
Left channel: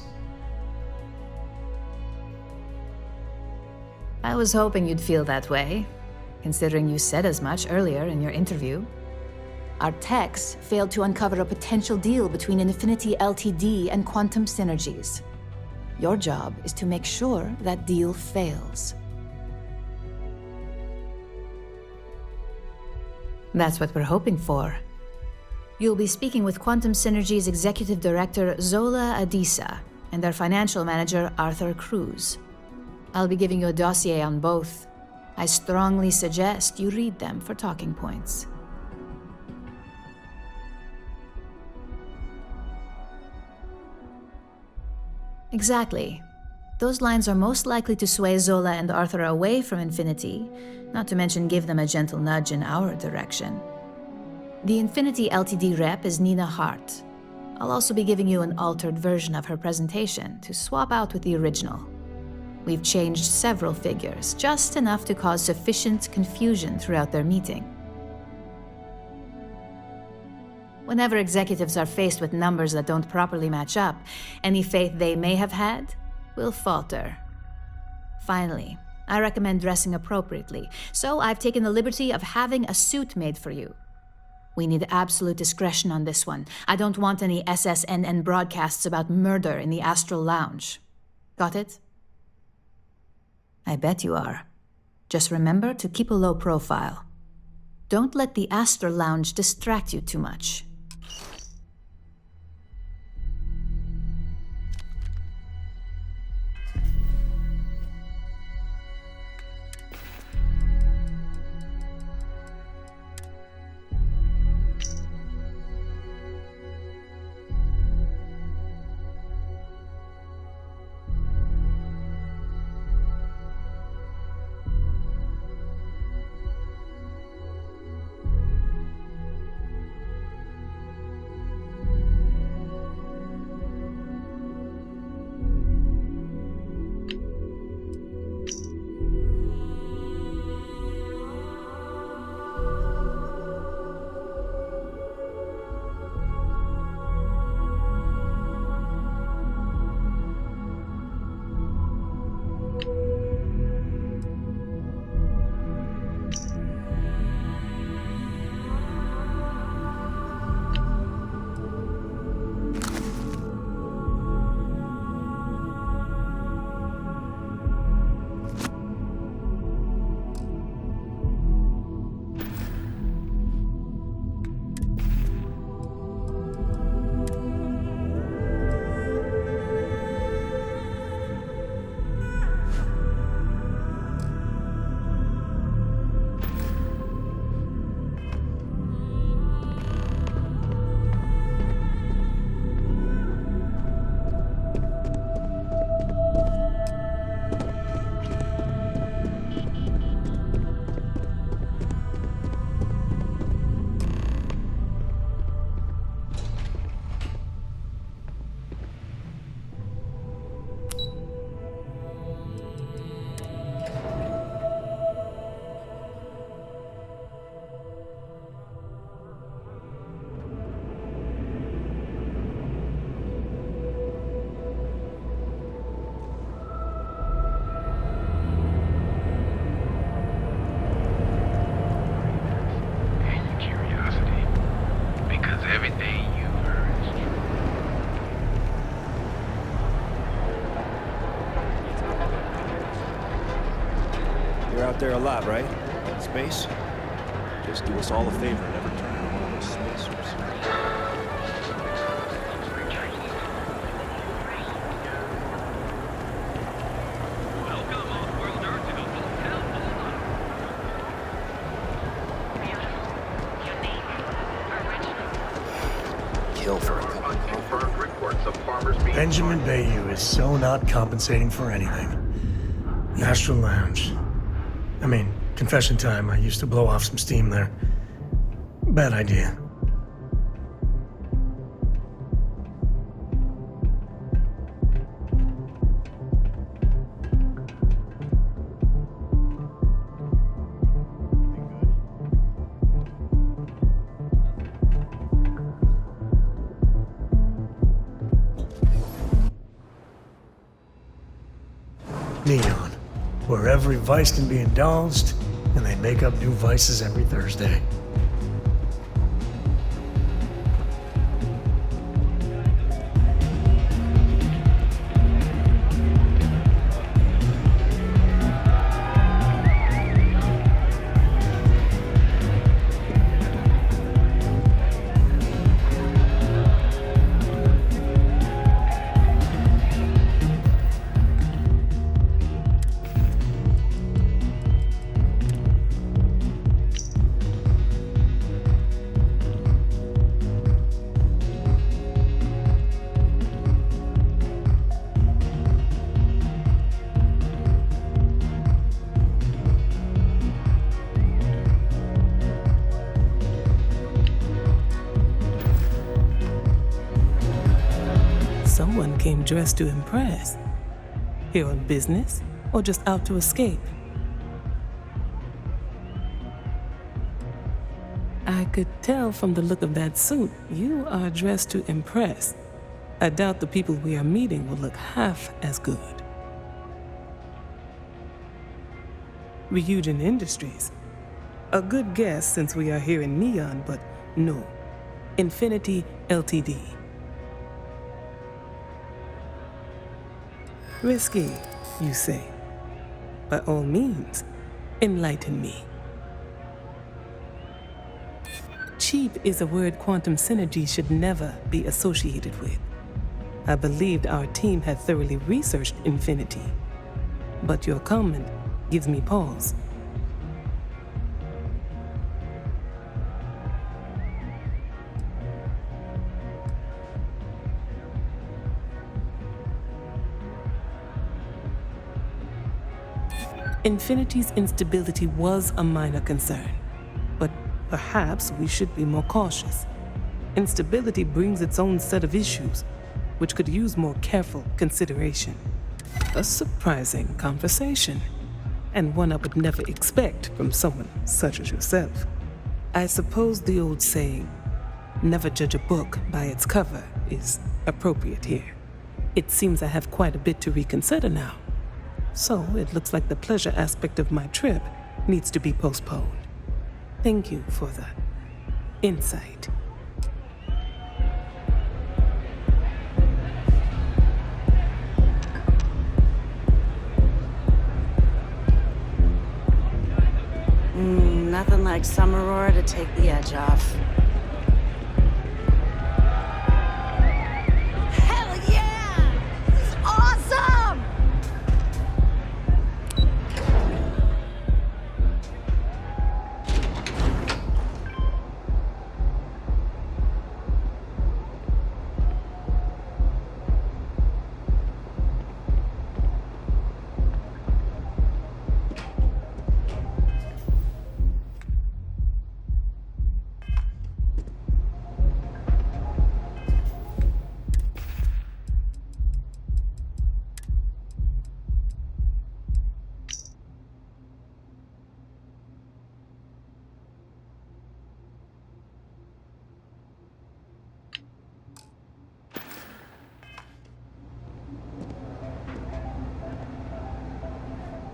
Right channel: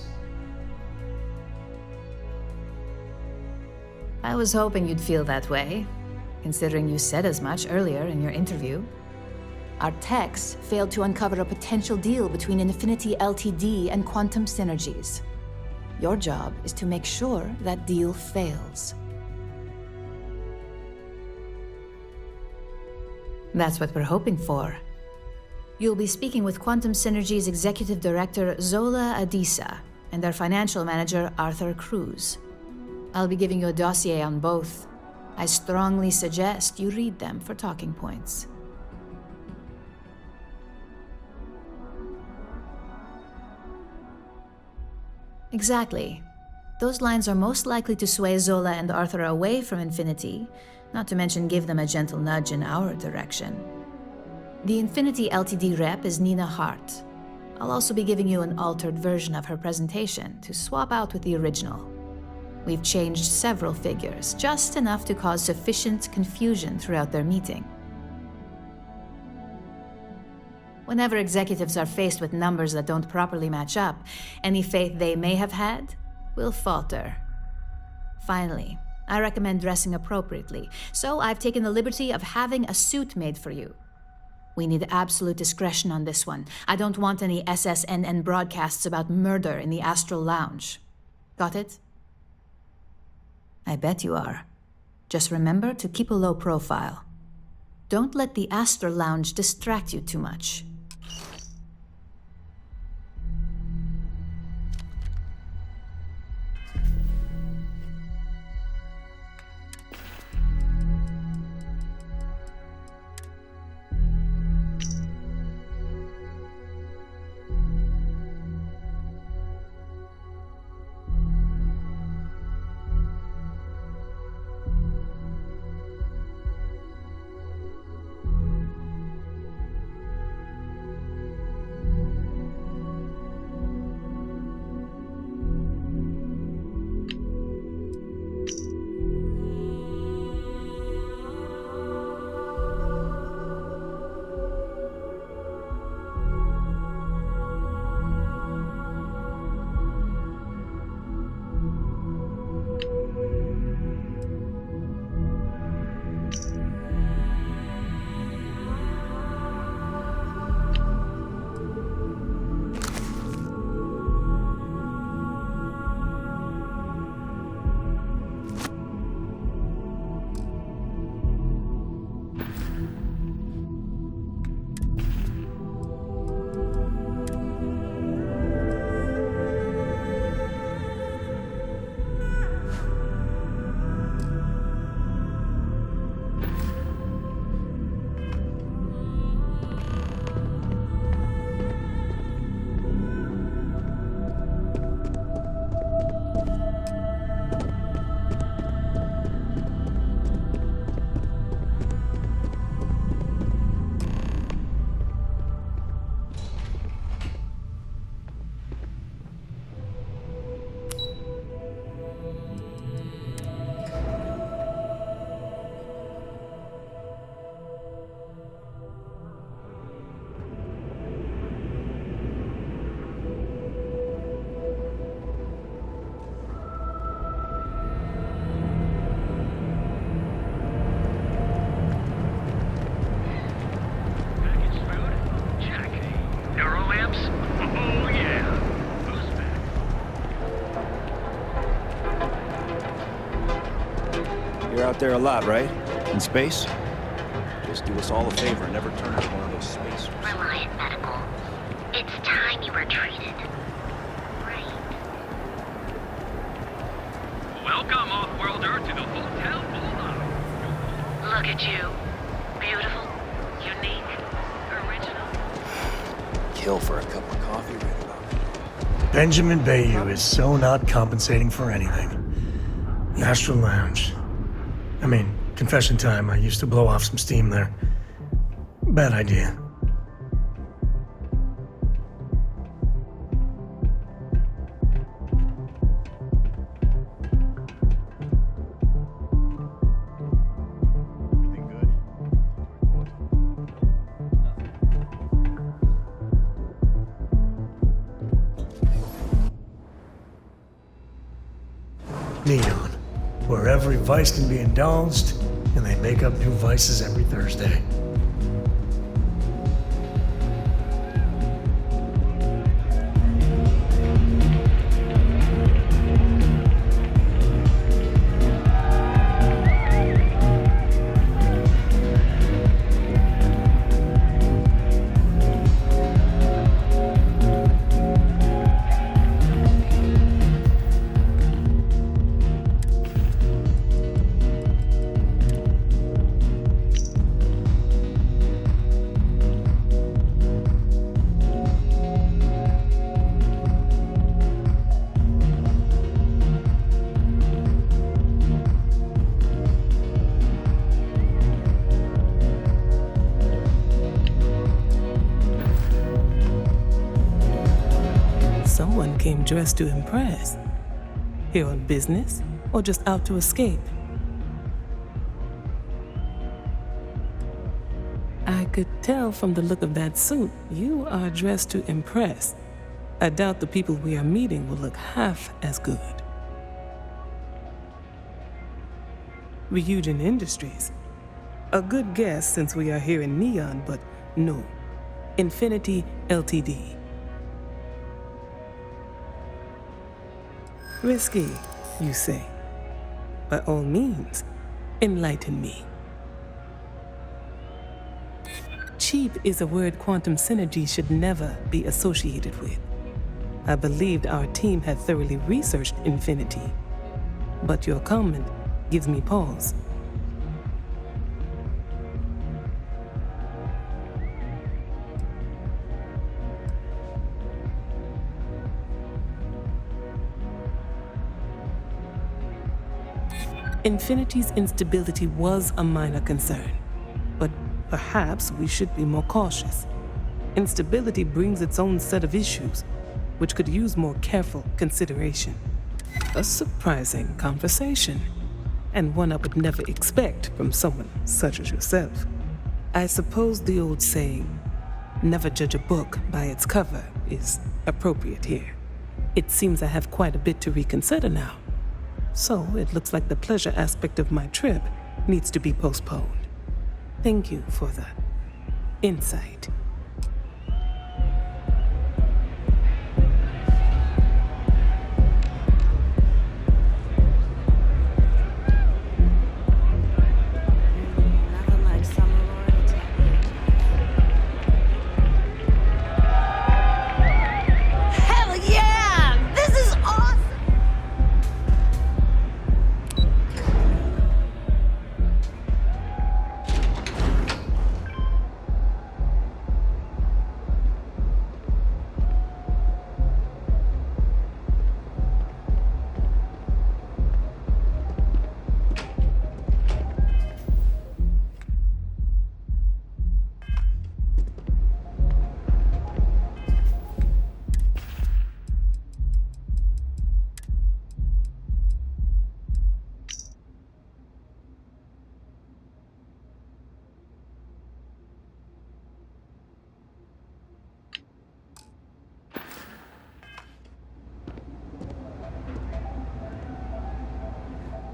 I was hoping you'd feel that way, considering you said as much earlier in your interview. Our techs failed to uncover a potential deal between Infinity Ltd. And Quantum Synergies. Your job is to make sure that deal fails. That's what we're hoping for. You'll be speaking with Quantum Synergy's Executive Director, Zola Adisa, and their Financial Manager, Arthur Cruz. I'll be giving you a dossier on both. I strongly suggest you read them for talking points. Exactly. Those lines are most likely to sway Zola and Arthur away from Infinity, not to mention give them a gentle nudge in our direction. The Infinity Ltd. rep is Nina Hart. I'll also be giving you an altered version of her presentation to swap out with the original. We've changed several figures, just enough to cause sufficient confusion throughout their meeting. Whenever executives are faced with numbers that don't properly match up, any faith they may have had will falter. Finally, I recommend dressing appropriately, so I've taken the liberty of having a suit made for you. We need absolute discretion on this one. I don't want any SSNN broadcasts about murder in the Astral Lounge. Got it? I bet you are. Just remember to keep a low profile. Don't let the Astral Lounge distract you too much. You're out there a lot, right? In space? Just do us all a favor and never turn into one of those spacers. It's time you were treated. Welcome, Off-Worlder, to the Hotel Bola. Look at you. Beautiful, unique, original. Kill for a cup of coffee. Benjamin Bayou is so not compensating for anything. The Astral Lounge. I mean, confession time, I used to blow off some steam there. Bad idea. Neon, where every vice can be indulged, and they make up new vices every Thursday. Someone came dressed to impress. Here on business, or just out to escape? I could tell from the look of that suit, you are dressed to impress. I doubt the people we are meeting will look half as good. Ryujin Industries. A good guess since we are here in Neon, but no. Infinity Ltd. Risky, you say. By all means, enlighten me. Cheap is a word Quantum Synergy should never be associated with. I believed our team had thoroughly researched Infinity, but your comment gives me pause. Infinity's instability was a minor concern, but perhaps we should be more cautious. Instability brings its own set of issues, which could use more careful consideration. A surprising conversation, and one I would never expect from someone such as yourself. I suppose the old saying, never judge a book by its cover, is appropriate here. It seems I have quite a bit to reconsider now. So it looks like the pleasure aspect of my trip needs to be postponed. Thank you for the insight. Nothing like summer roar to take the edge off. Hell yeah! This is awesome!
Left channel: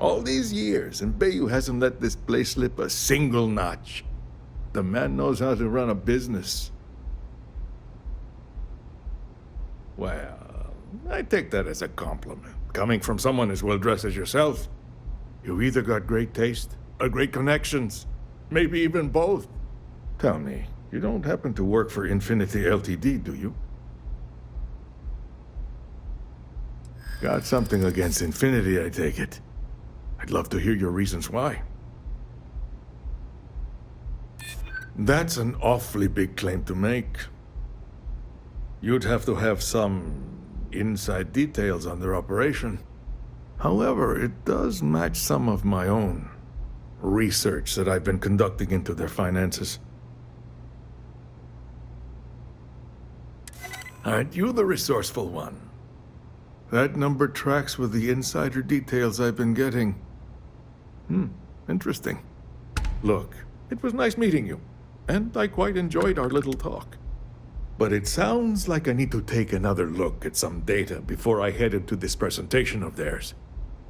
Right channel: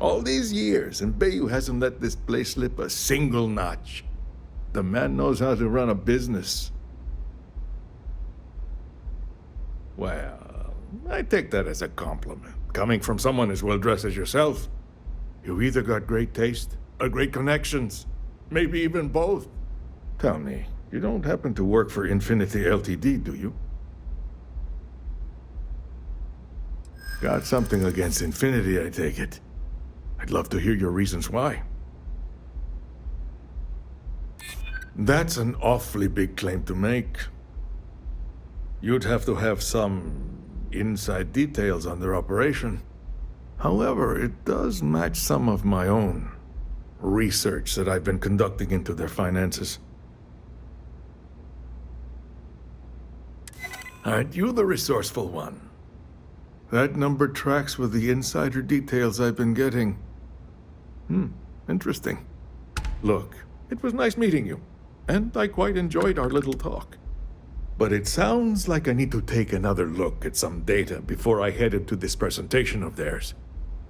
All these years, and Bayu hasn't let this place slip a single notch. The man knows how to run a business. Well, I take that as a compliment. Coming from someone as well-dressed as yourself, you either got great taste or great connections. Maybe even both. Tell me, you don't happen to work for Infinity Ltd, do you? Got something against Infinity, I take it. I'd love to hear your reasons why. That's an awfully big claim to make. You'd have to have some inside details on their operation. However, it does match some of my own research that I've been conducting into their finances. Aren't you the resourceful one? That number tracks with the insider details I've been getting. Interesting. Look, it was nice meeting you, and I quite enjoyed our little talk. But it sounds like I need to take another look at some data before I head into this presentation of theirs.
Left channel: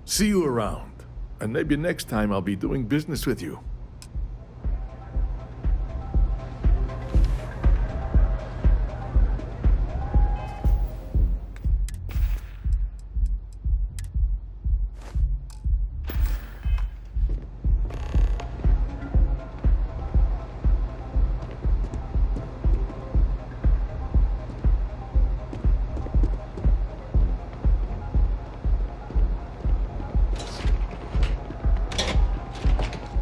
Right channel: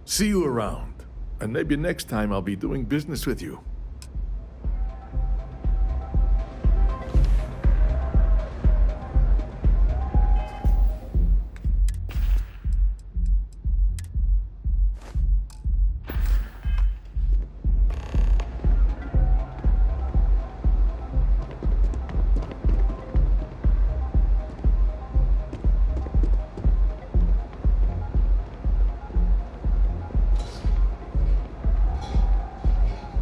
See you around, and maybe next time I'll be doing business with you.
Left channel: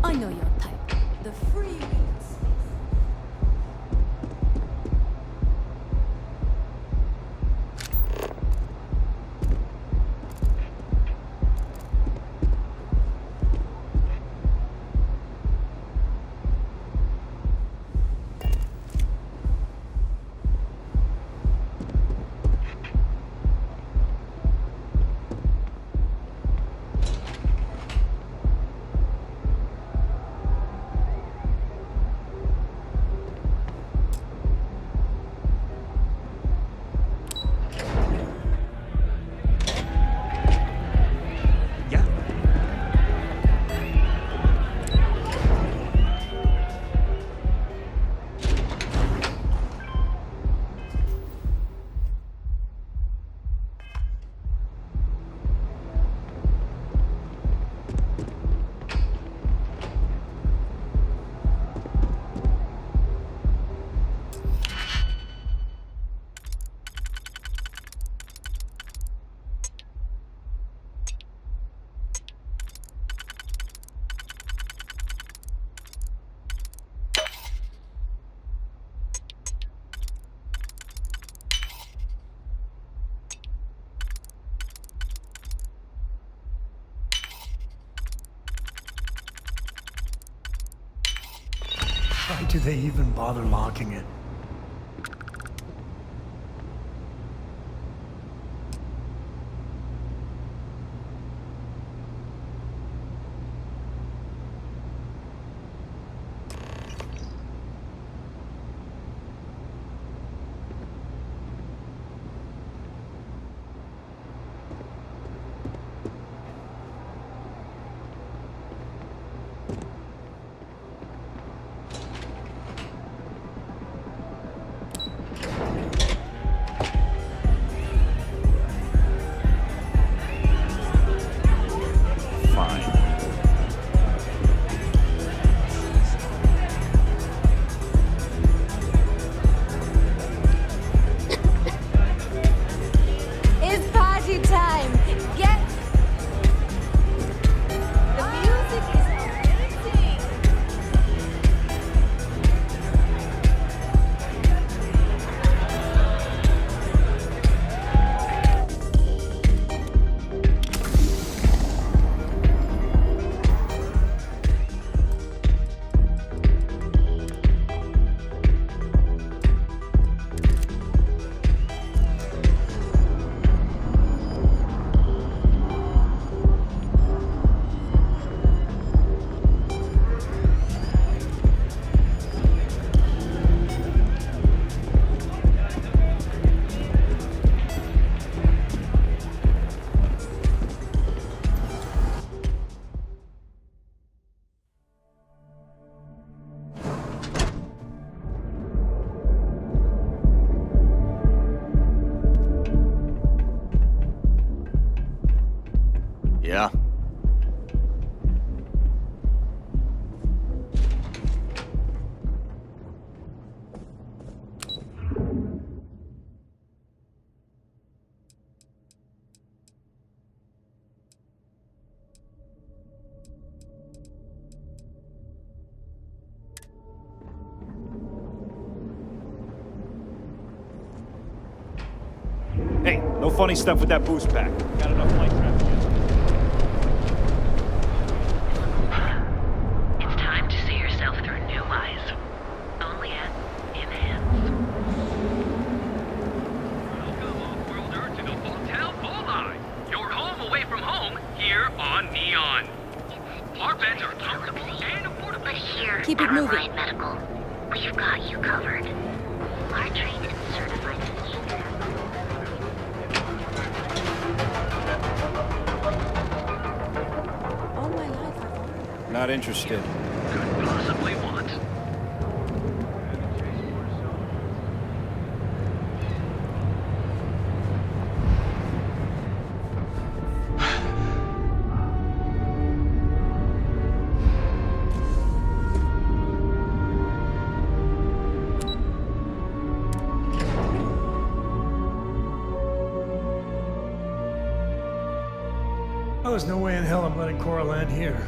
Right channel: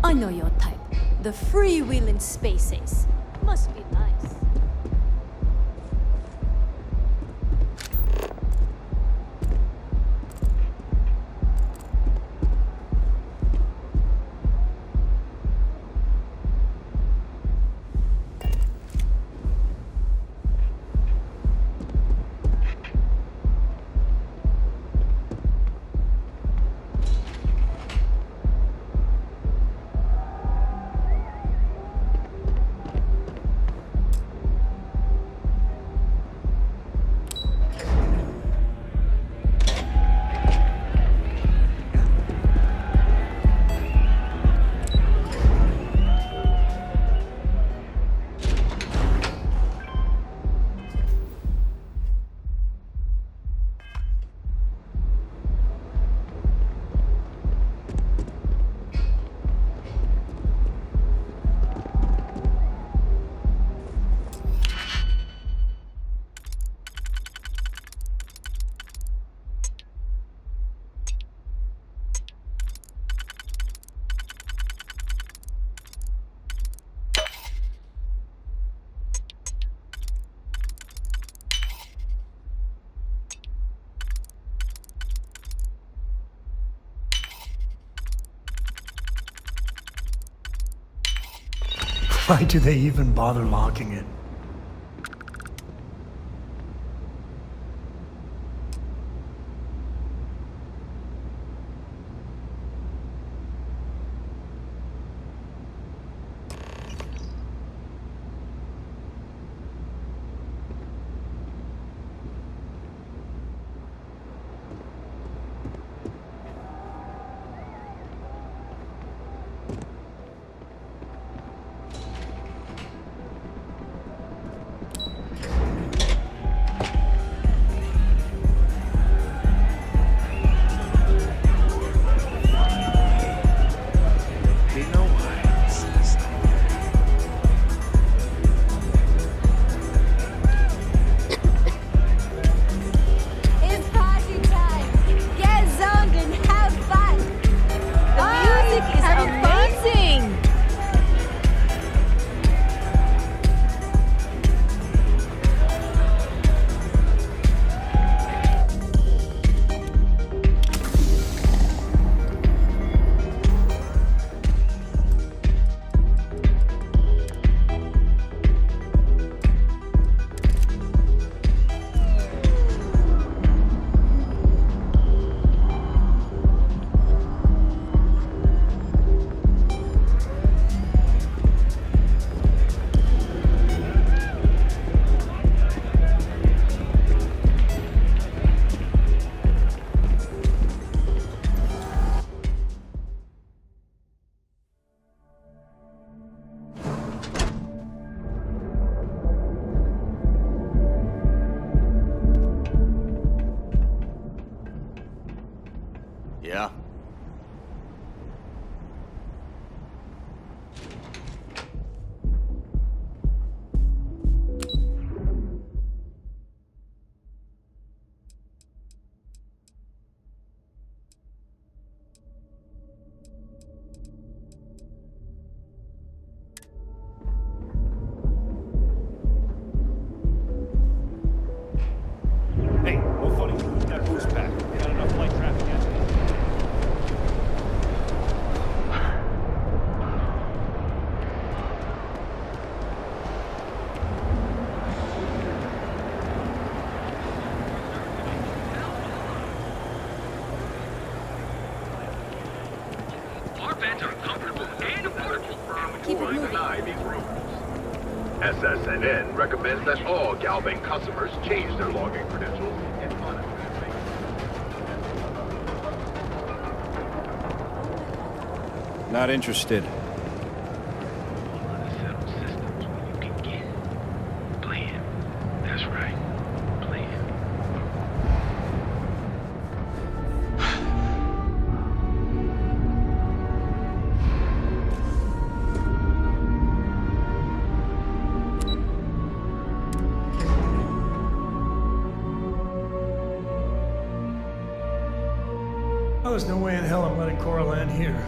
I know your type. The freewheeling space ace. Must be nice. Why do they even bother locking it? It's party time! Get zoned and have fun! The music is amazing! Yeah? Hey, no funny stuff with that boost pack. Got enough flight traffic yet. It's time to see yourself through new eyes. Only at Enhance. Welcome, off-worlder, to the Hotel Bullseye. Your home away from home, here on Neon. Our beds are comfortable and affordable. Keep it moving. We've got you SSNN recommends that all Galvin customers change their login credentials and Not interested. possibly want. Play it. That's right. Play it. Oh, there's no way in hell I'm letting Cora land here.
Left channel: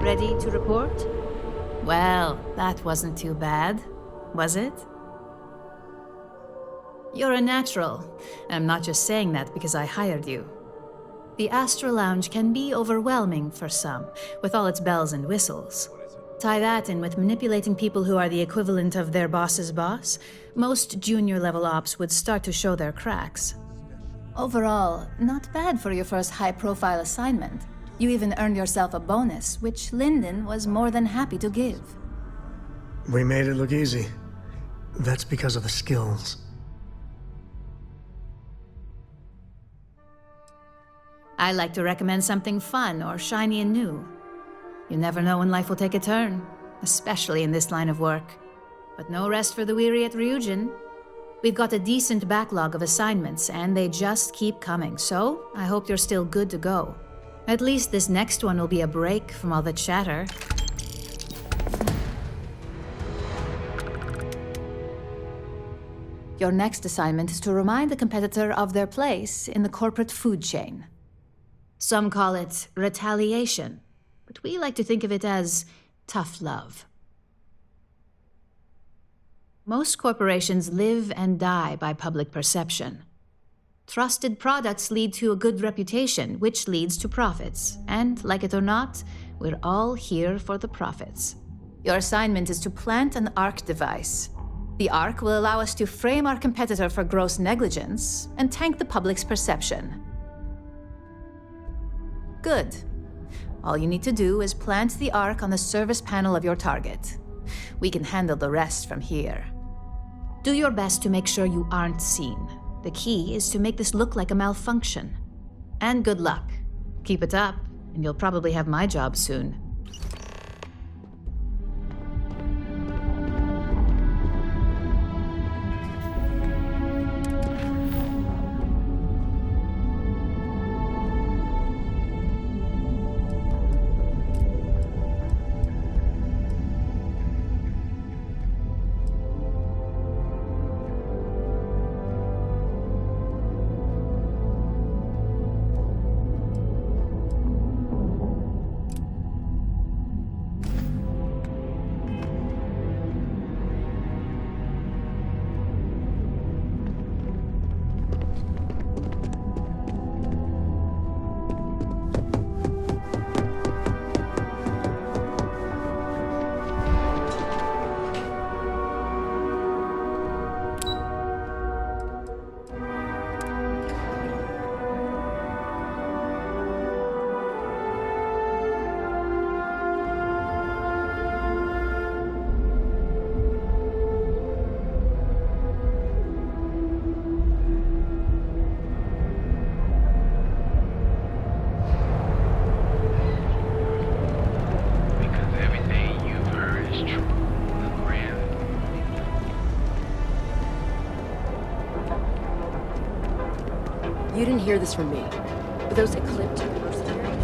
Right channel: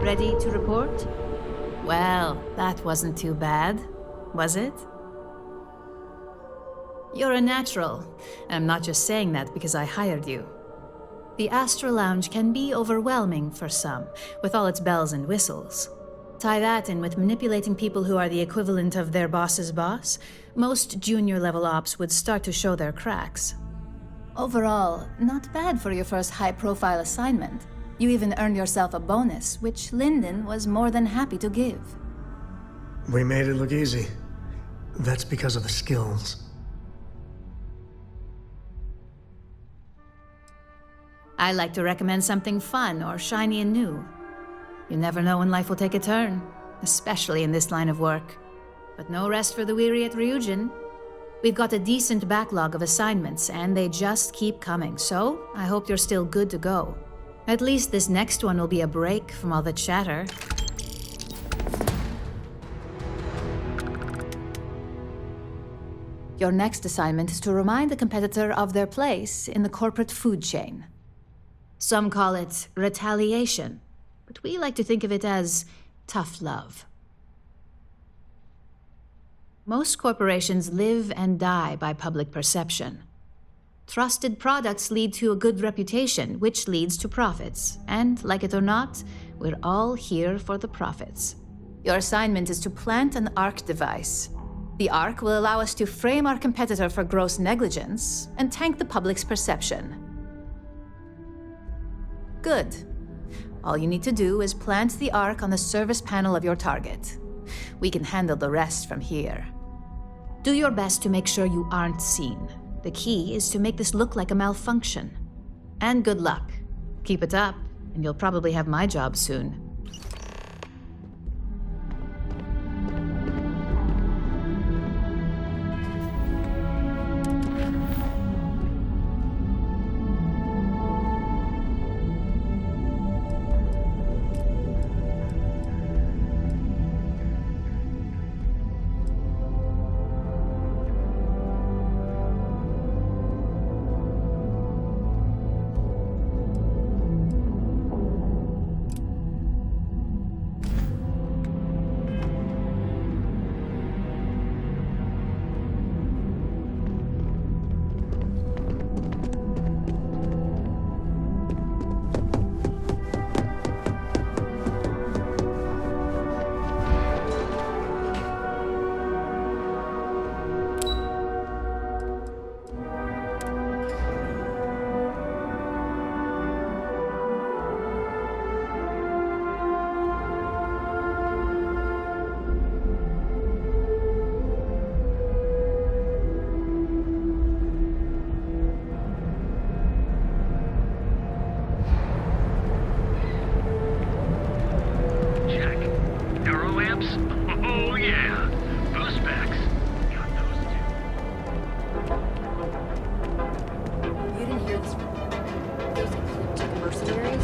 Ready to report? Well, that wasn't too bad, was it? You're a natural, and I'm not just saying that because I hired you. The Astra Lounge can be overwhelming for some, with all its bells and whistles. Tie that in with manipulating people who are the equivalent of their boss's boss, most junior-level ops would start to show their cracks. Overall, not bad for your first high-profile assignment. You even earned yourself a bonus, which Lyndon was more than happy to give. We made it look easy. That's because of the skills. I like to recommend something fun or shiny and new. You never know when life will take a turn, especially in this line of work. But no rest for the weary at Ryujin. We've got a decent backlog of assignments, and they just keep coming, so I hope you're still good to go. At least this next one will be a break from all the chatter. Your next assignment is to remind the competitor of their place in the corporate food chain. Some call it retaliation, but we like to think of it as tough love. Most corporations live and die by public perception. Trusted products lead to a good reputation, which leads to profits. And, like it or not, we're all here for the profits. Your assignment is to plant an ARC device. The ARC will allow us to frame our competitor for gross negligence and tank the public's perception. Good. All you need to do is plant the ARC on the service panel of your target. We can handle the rest from here. Do your best to make sure you aren't seen. The key is to make this look like a malfunction. And good luck. Keep it up, and you'll probably have my job soon. You didn't hear this from me. But those ecliptic mercenaries?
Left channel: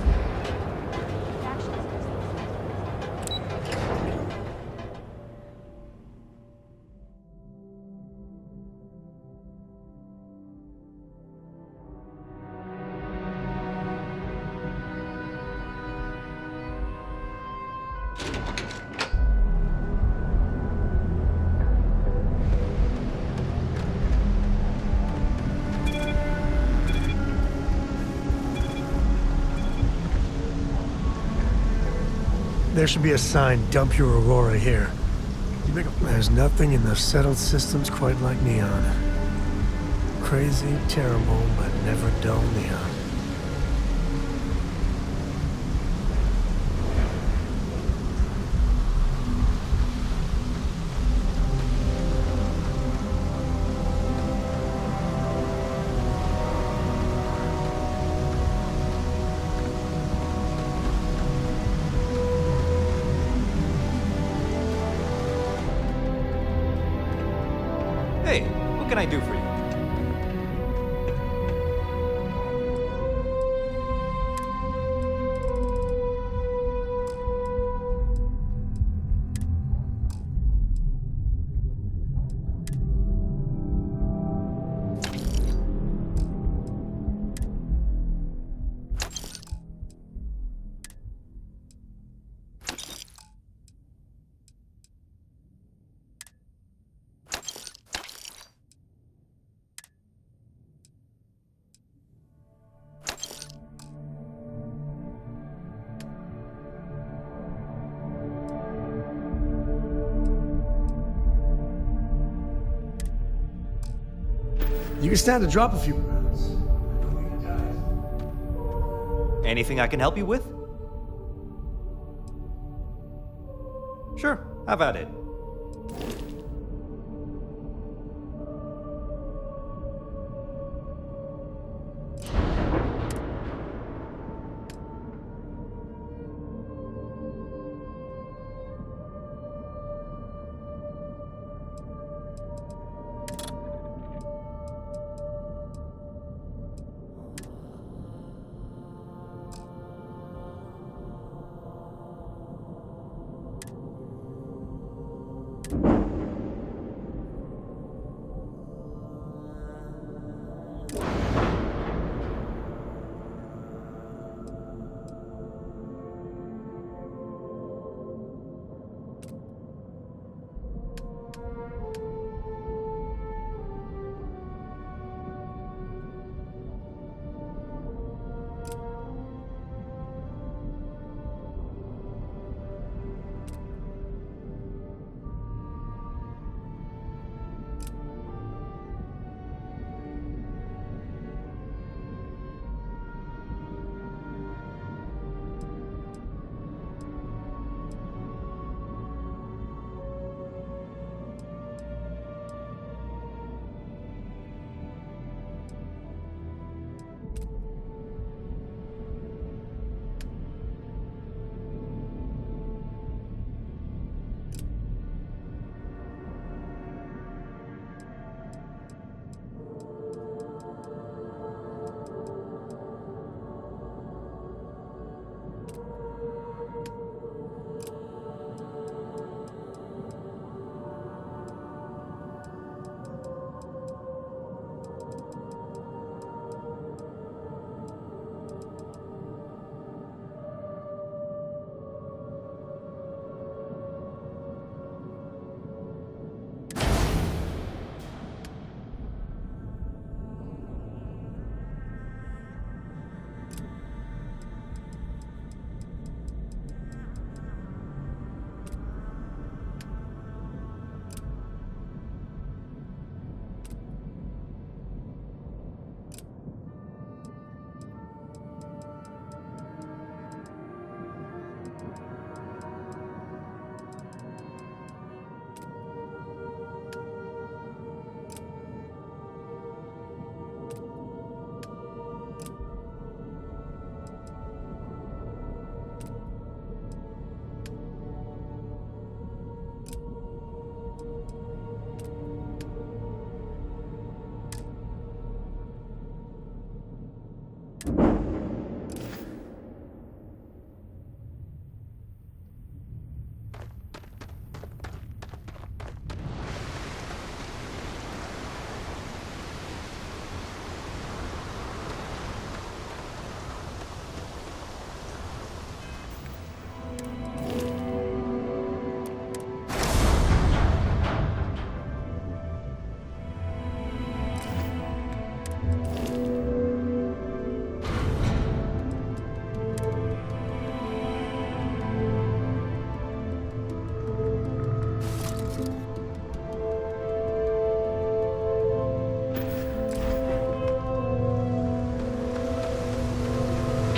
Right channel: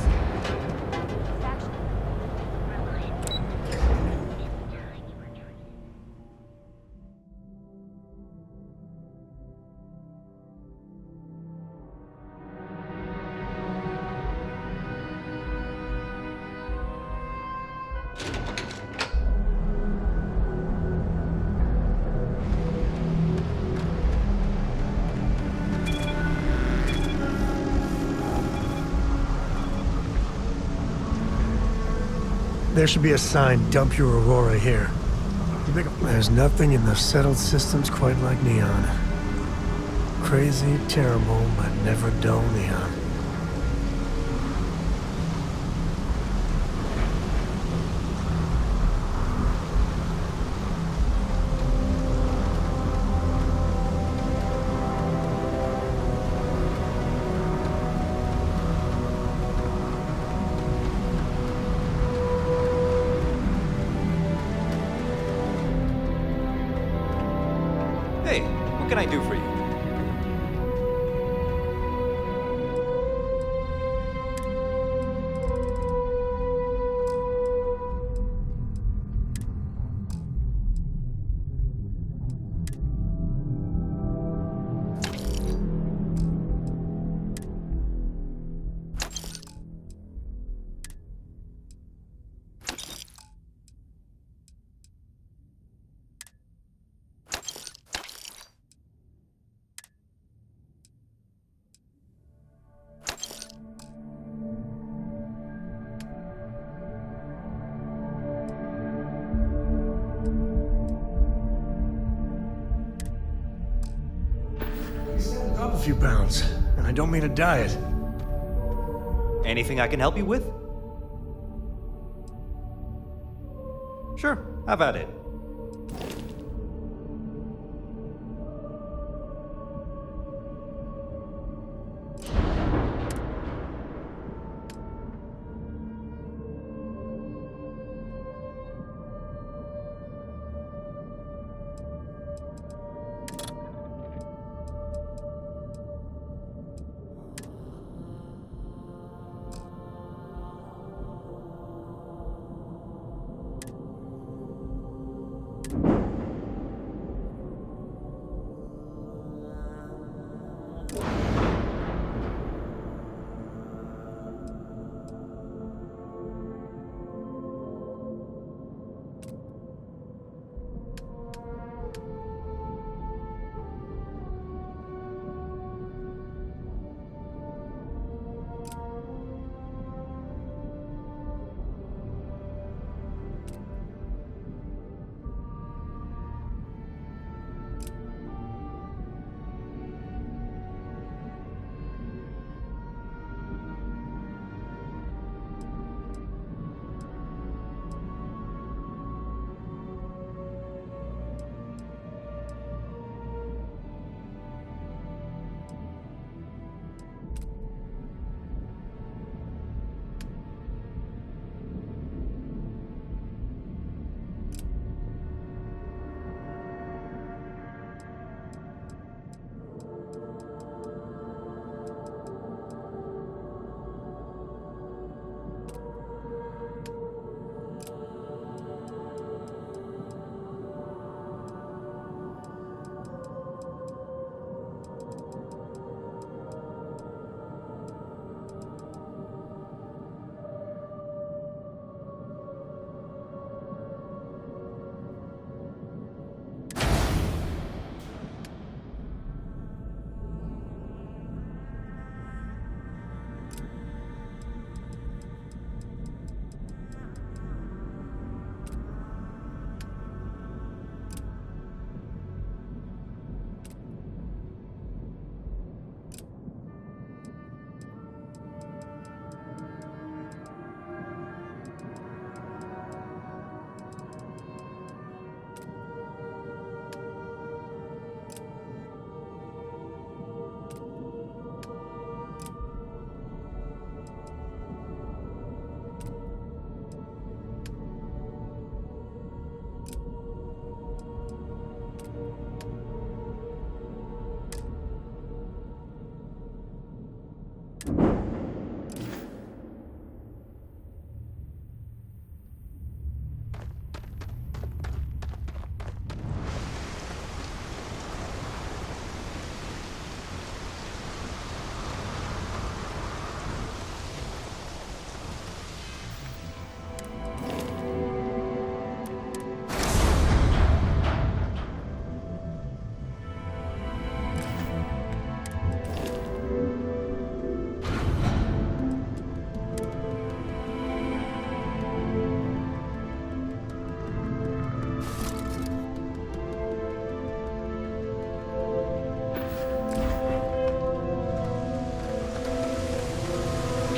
There should be a sign, dump your Aurora here. There's nothing in the settled systems quite like Neon. Crazy, terrible, but never dull Neon. Hey, what can I do for you? You can stand to drop a few pounds, and I don't mean a diet. Anything I can help you with? Sure, have at it.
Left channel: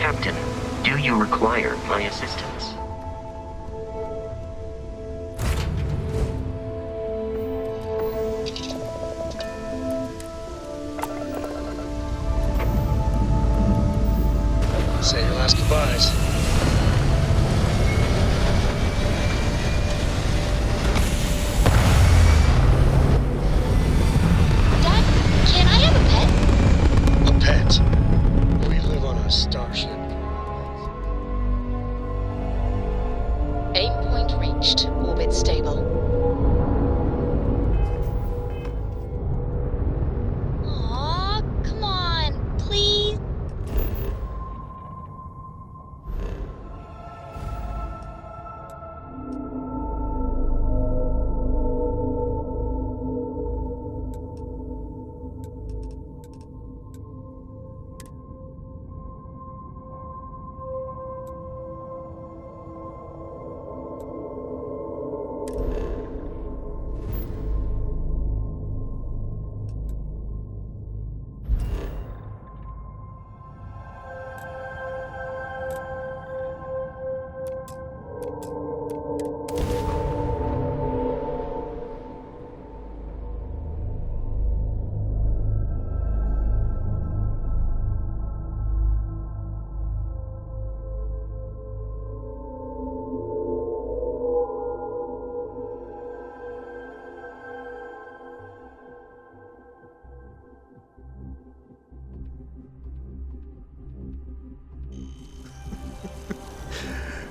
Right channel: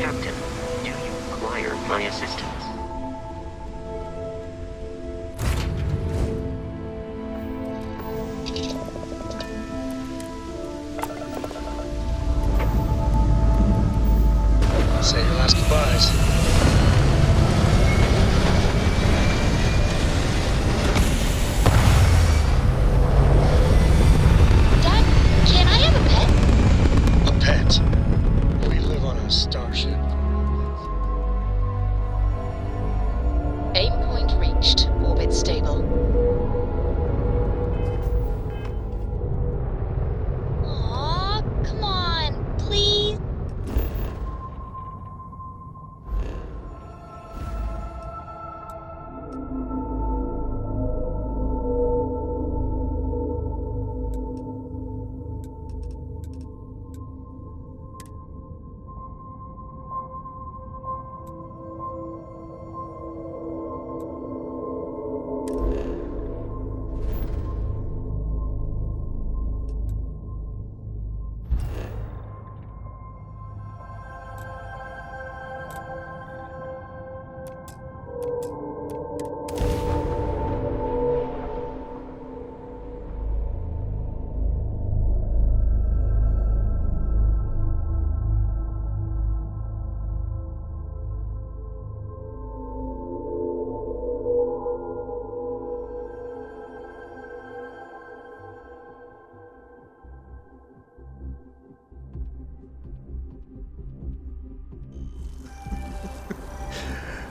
Captain, do you require my assistance? Say your last goodbyes. Dad, can I have a pet? A pet? We live on a starship. Aim point reached. Orbit stable. Aw, come on, please.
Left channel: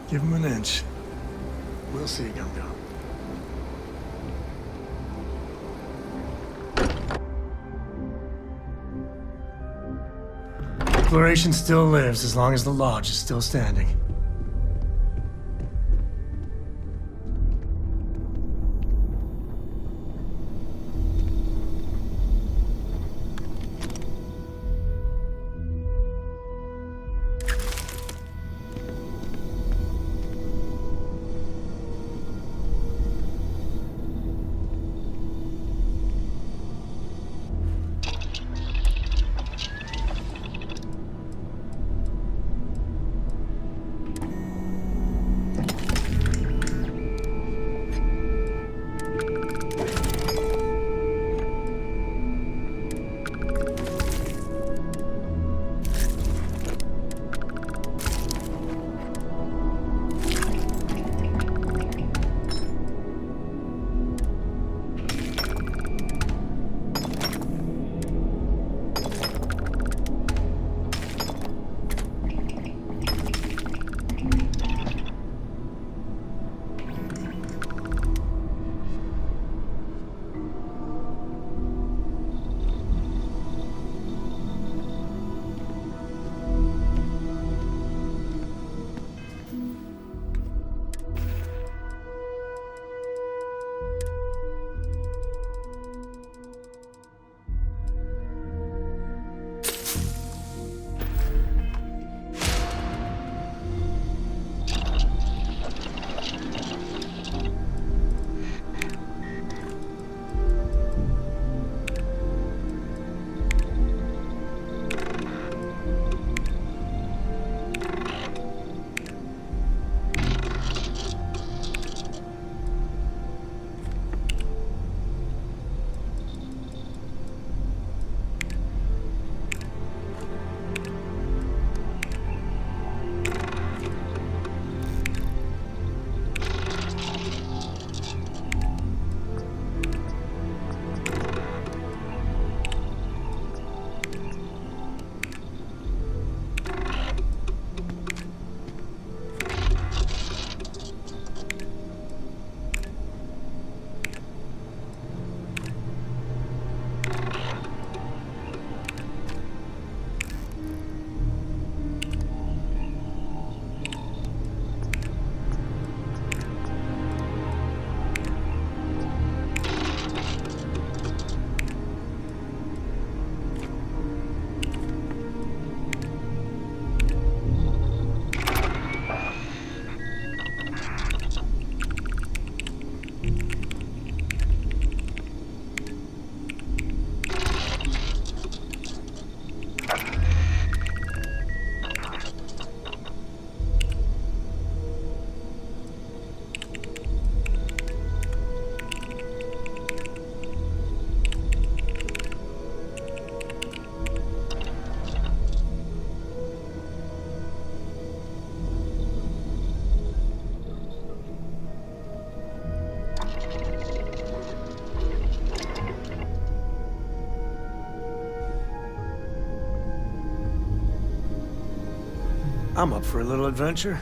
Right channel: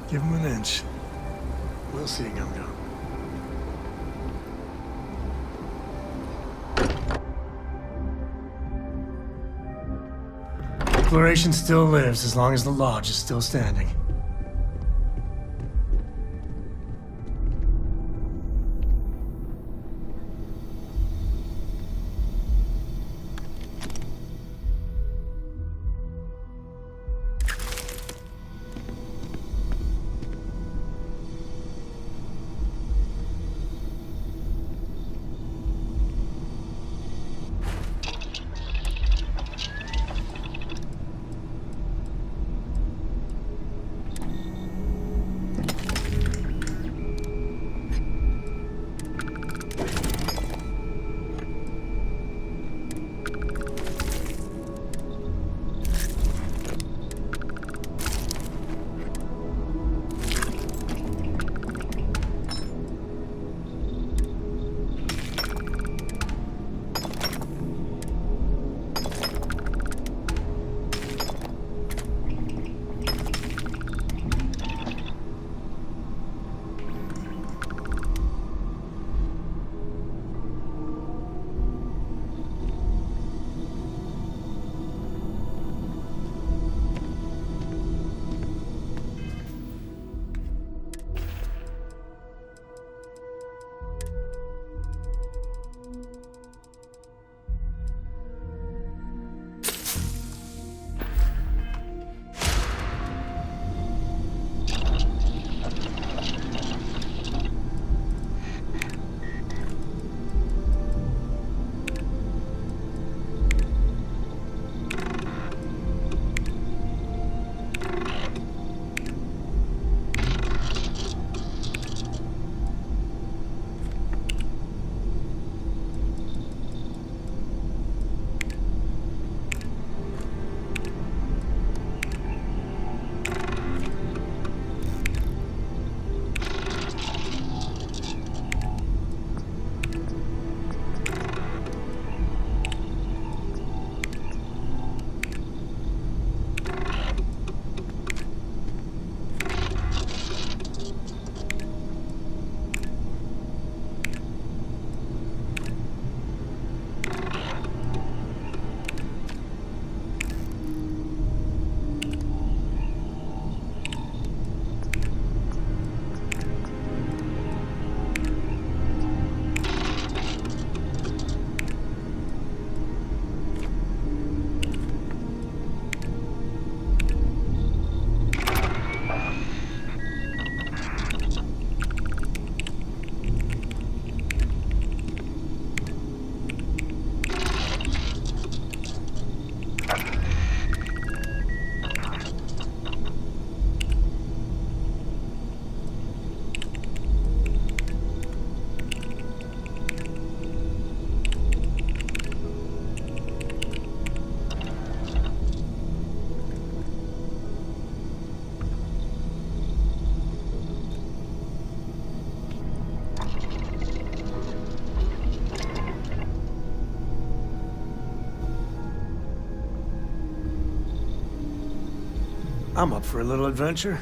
Give him an inch. We'll see, Gum-Gum. Exploration still lives as long as the Lodge is still standing. I'm up for a little adventure.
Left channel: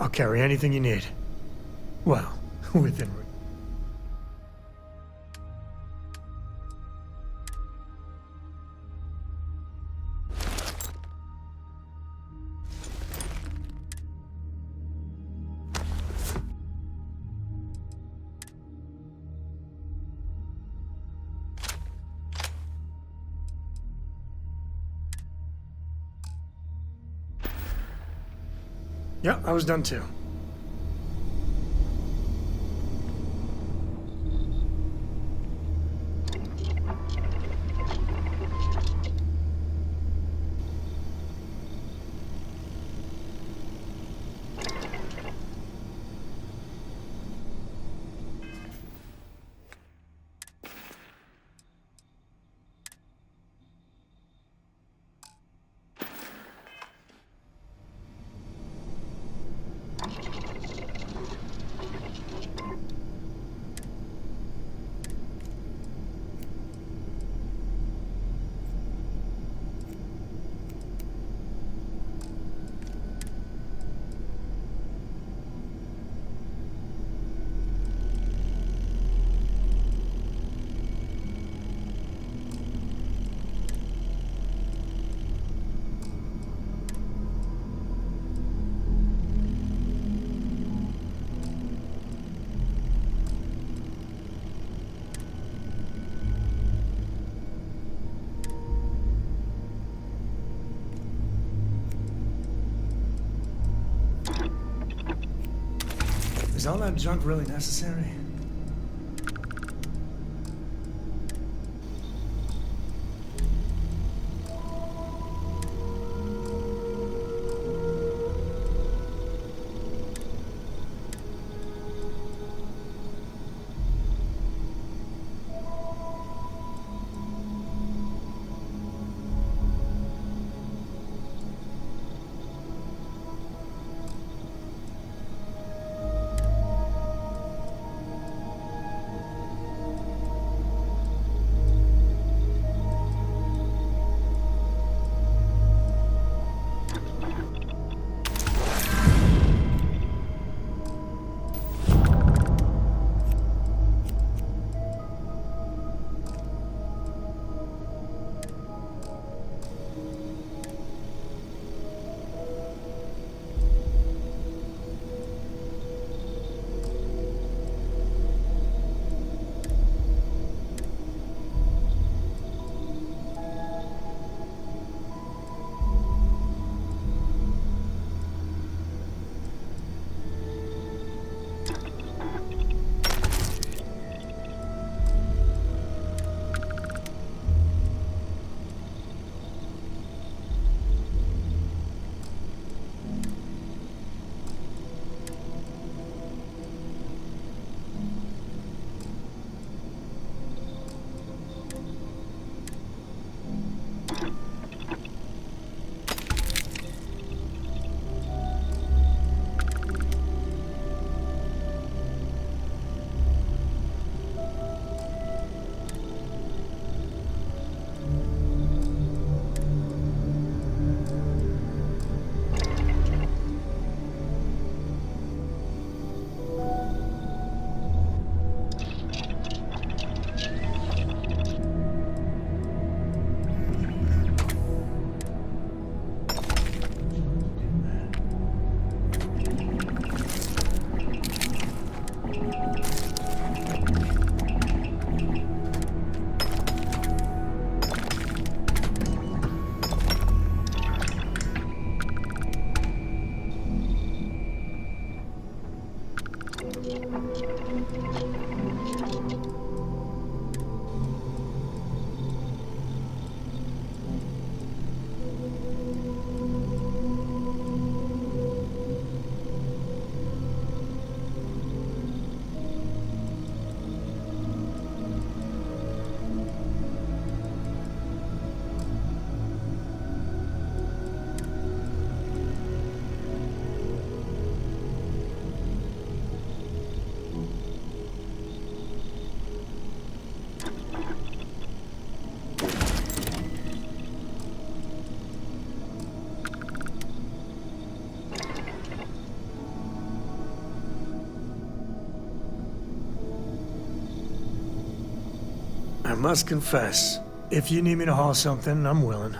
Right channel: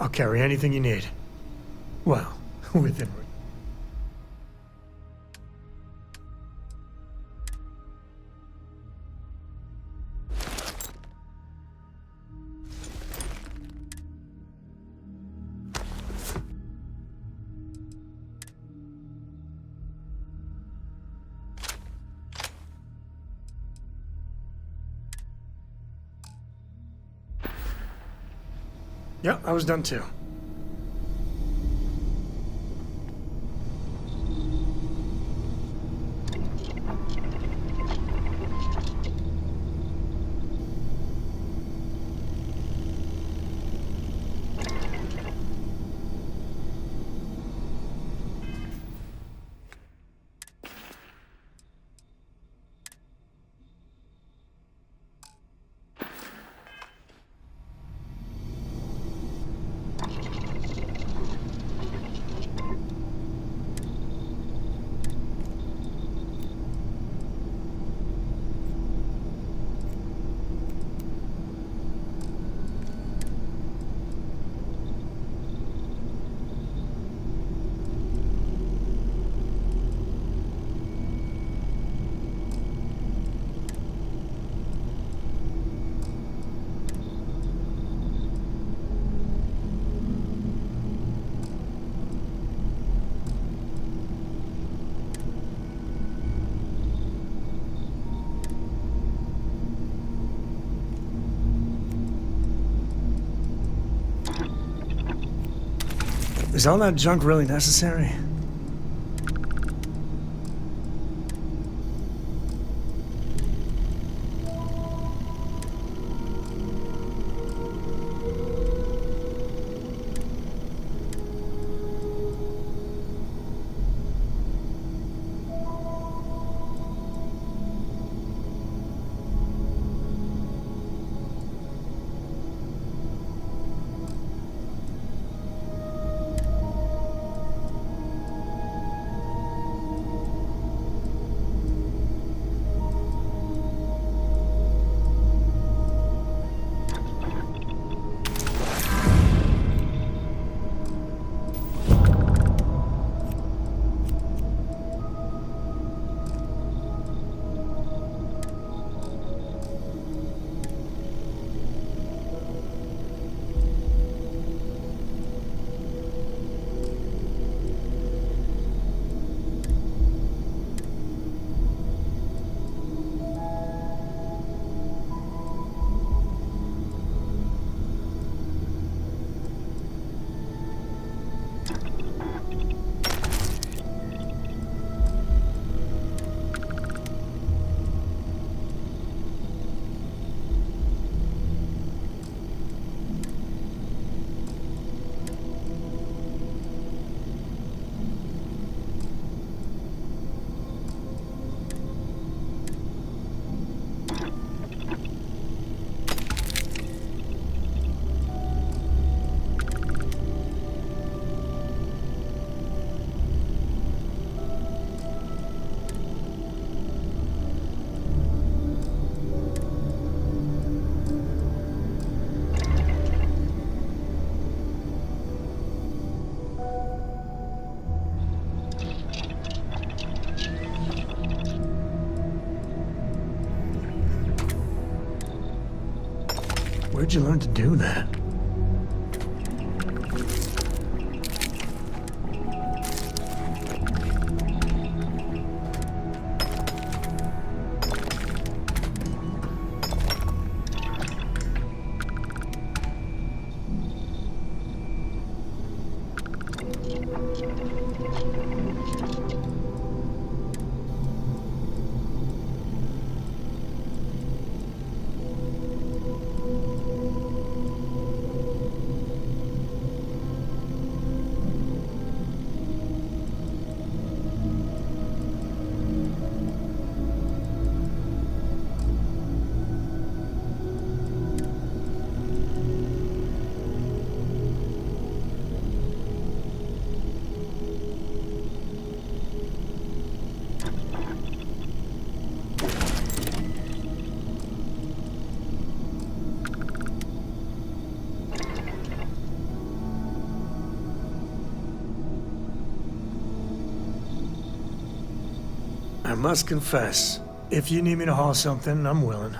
I'll carry anything you need. Well, within reason. Yeah, I was done too. Is all that junk really necessary? Where'd you learn to do that? must confess, if you need me to haul something, I'm willing.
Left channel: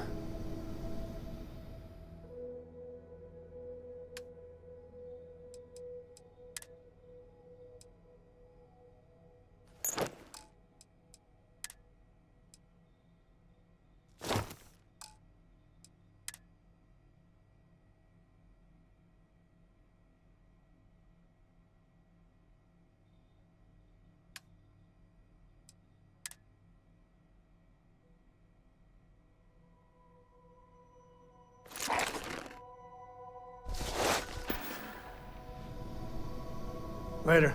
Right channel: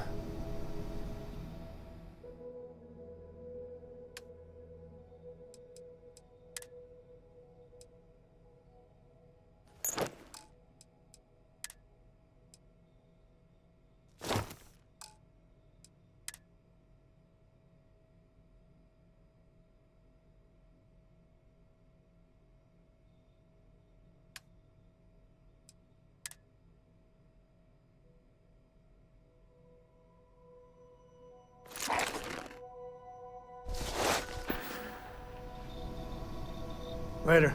Later.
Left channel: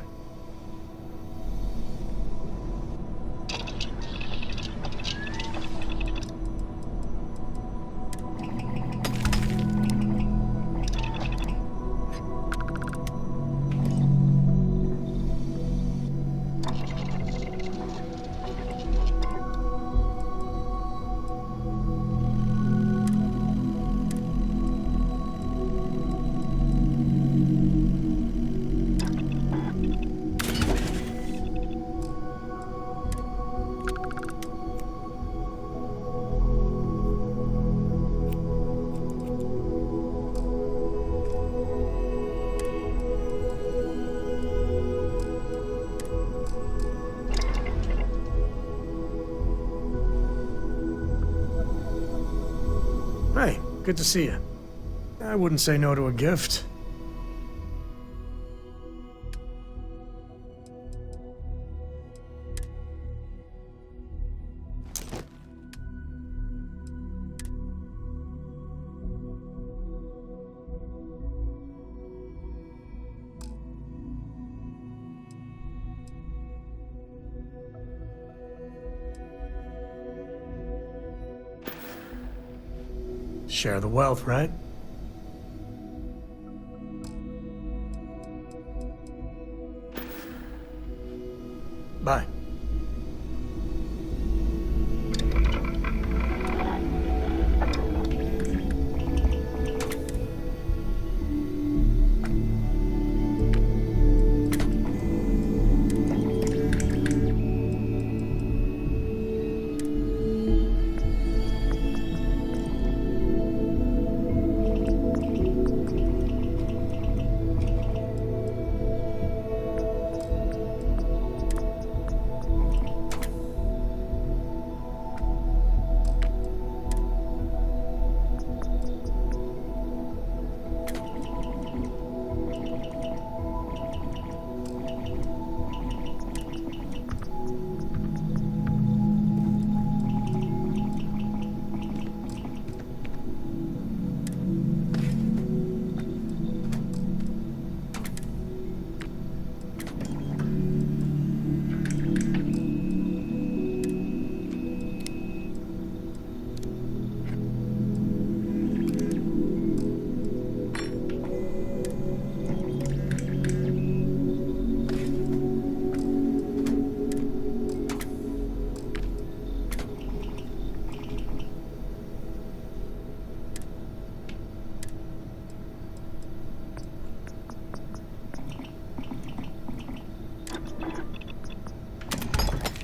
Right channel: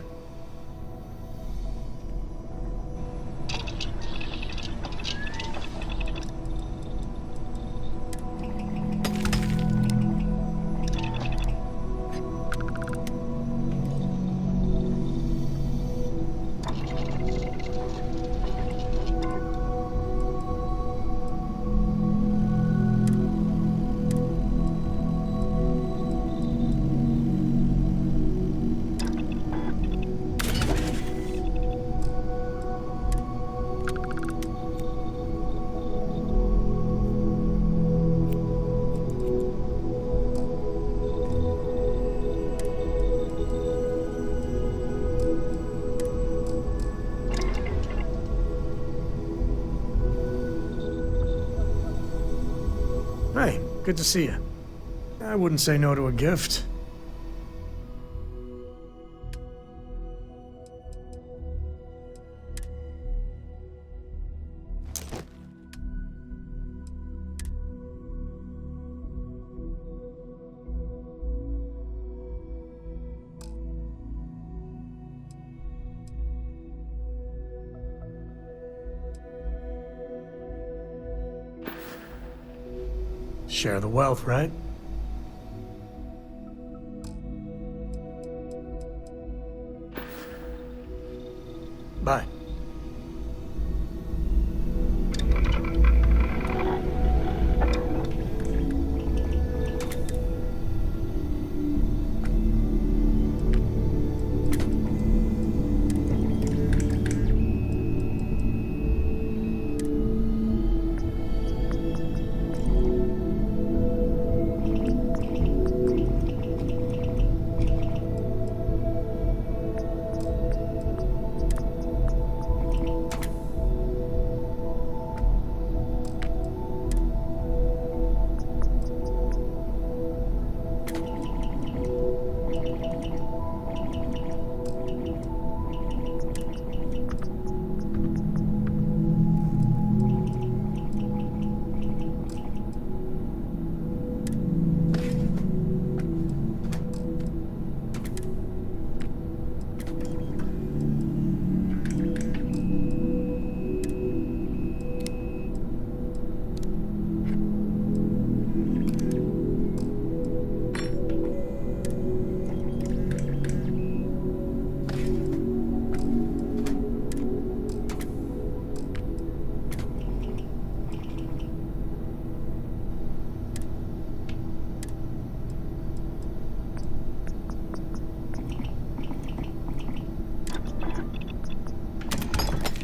Hey, good to see you. I wouldn't say no to a gift. Share the wealth, right? Bye.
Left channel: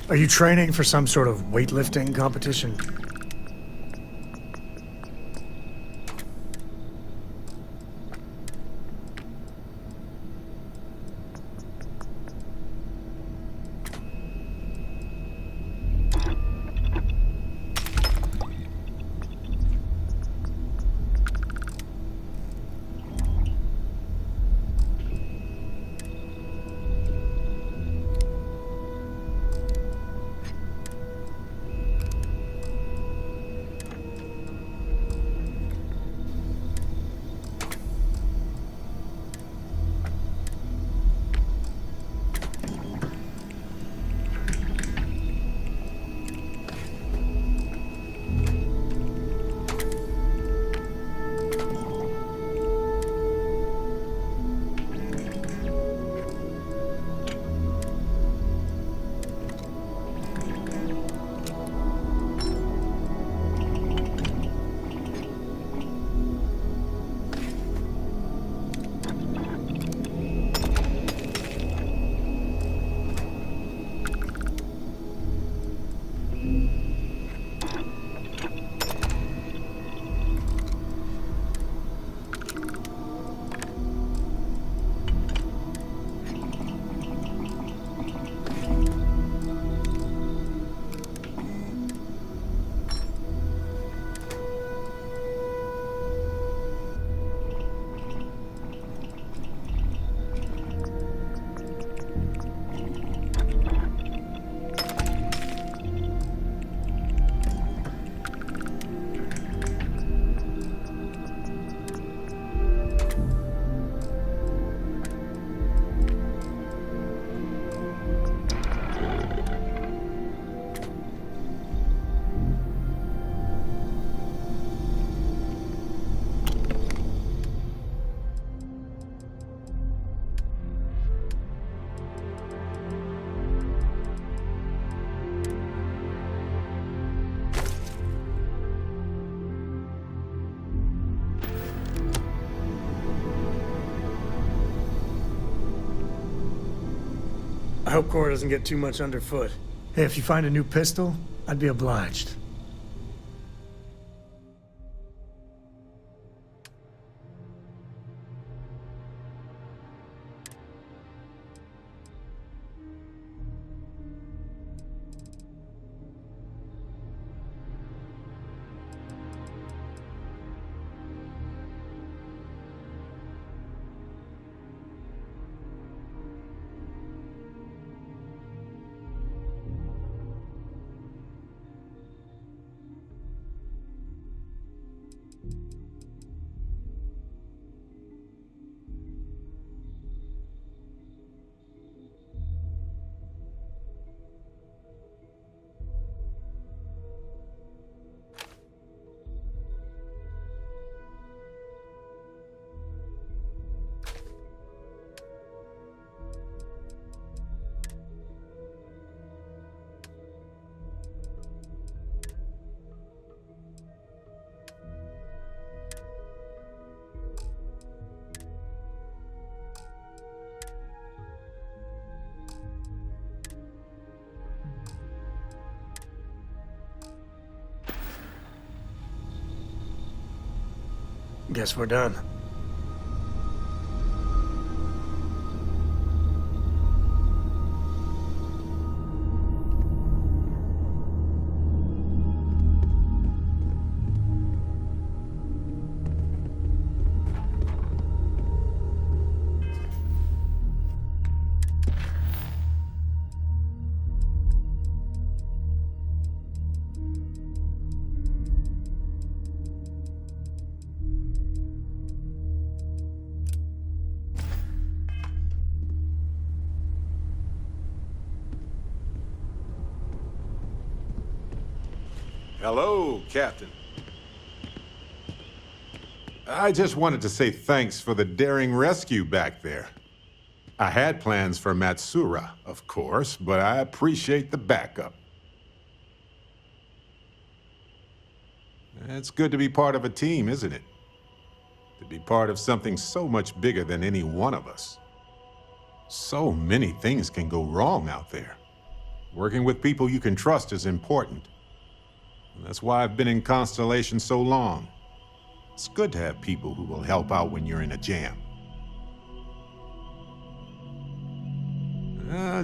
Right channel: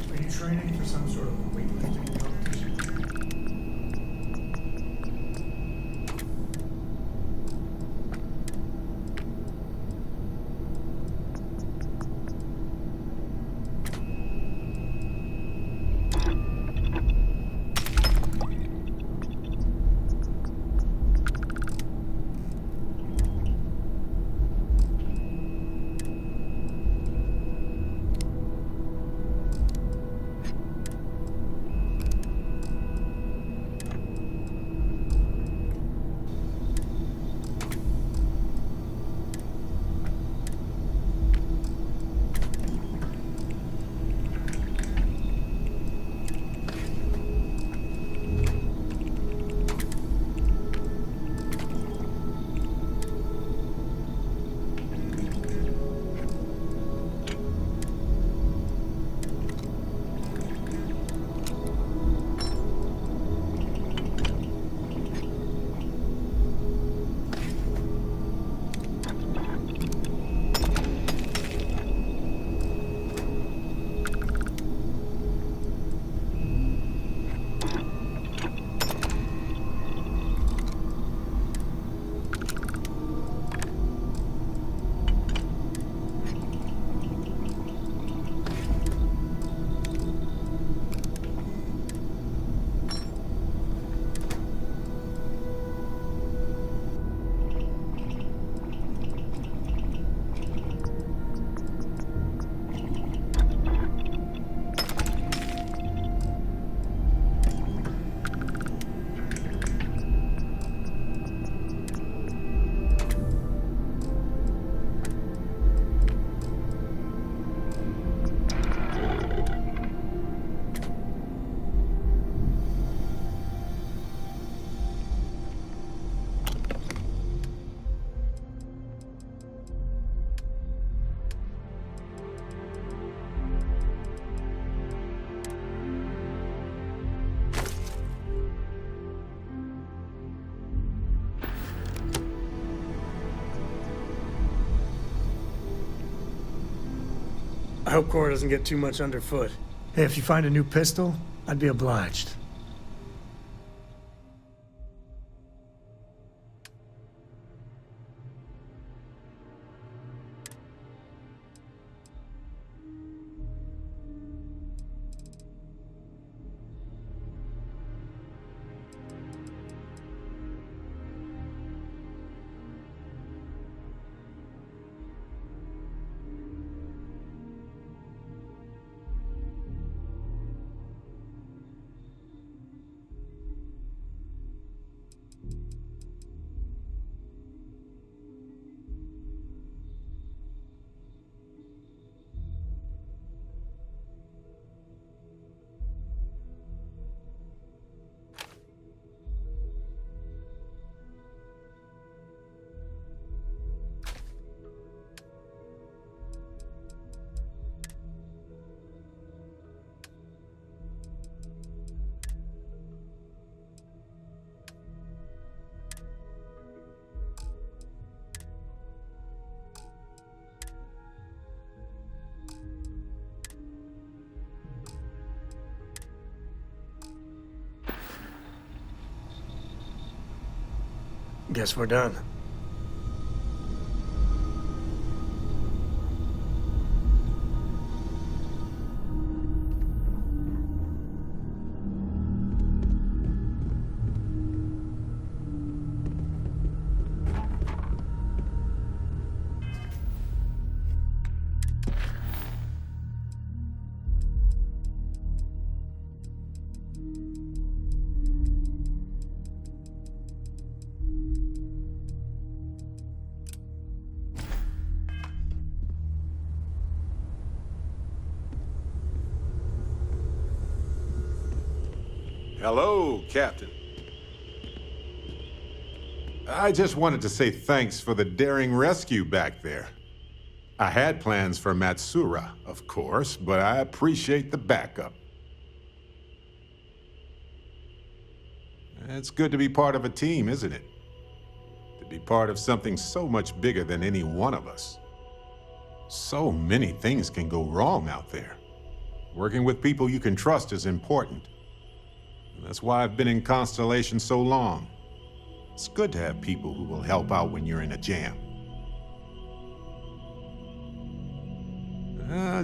Are you training for some sort of weightlifting competition? I hope Cora doesn't get too much underfoot. Hey, if you find a new pistol, I'd be obliged. Guess we're done. Hello, Captain. I just wanted to say thanks for the daring rescue back there. I had plans for Matsura, of course, but I appreciate the backup. It's good to be part of a team, isn't it? To be part of something so much bigger than any one of us. So many things can go wrong out there. Working with people you can trust is important. And that's why I've been in Constellation so long. It's good to have people who will help out when you're in a jam.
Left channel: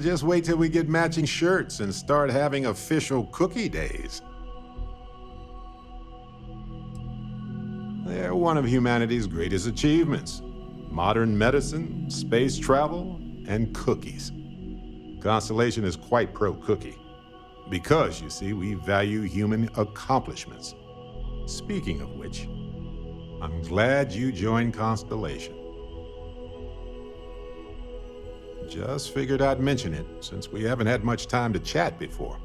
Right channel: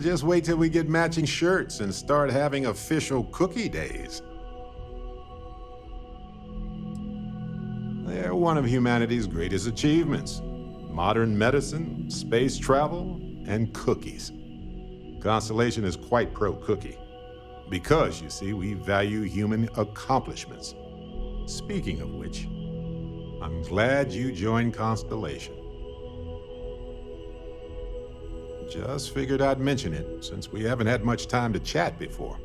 Just wait till we get matching shirts and start having official cookie days. They're one of humanity's greatest achievements. Modern medicine, space travel, and cookies. Constellation is quite pro-cookie. Because, you see, we value human accomplishments. Speaking of which, I'm glad you joined Constellation. Just figured I'd mention it, since we haven't had much time to chat before.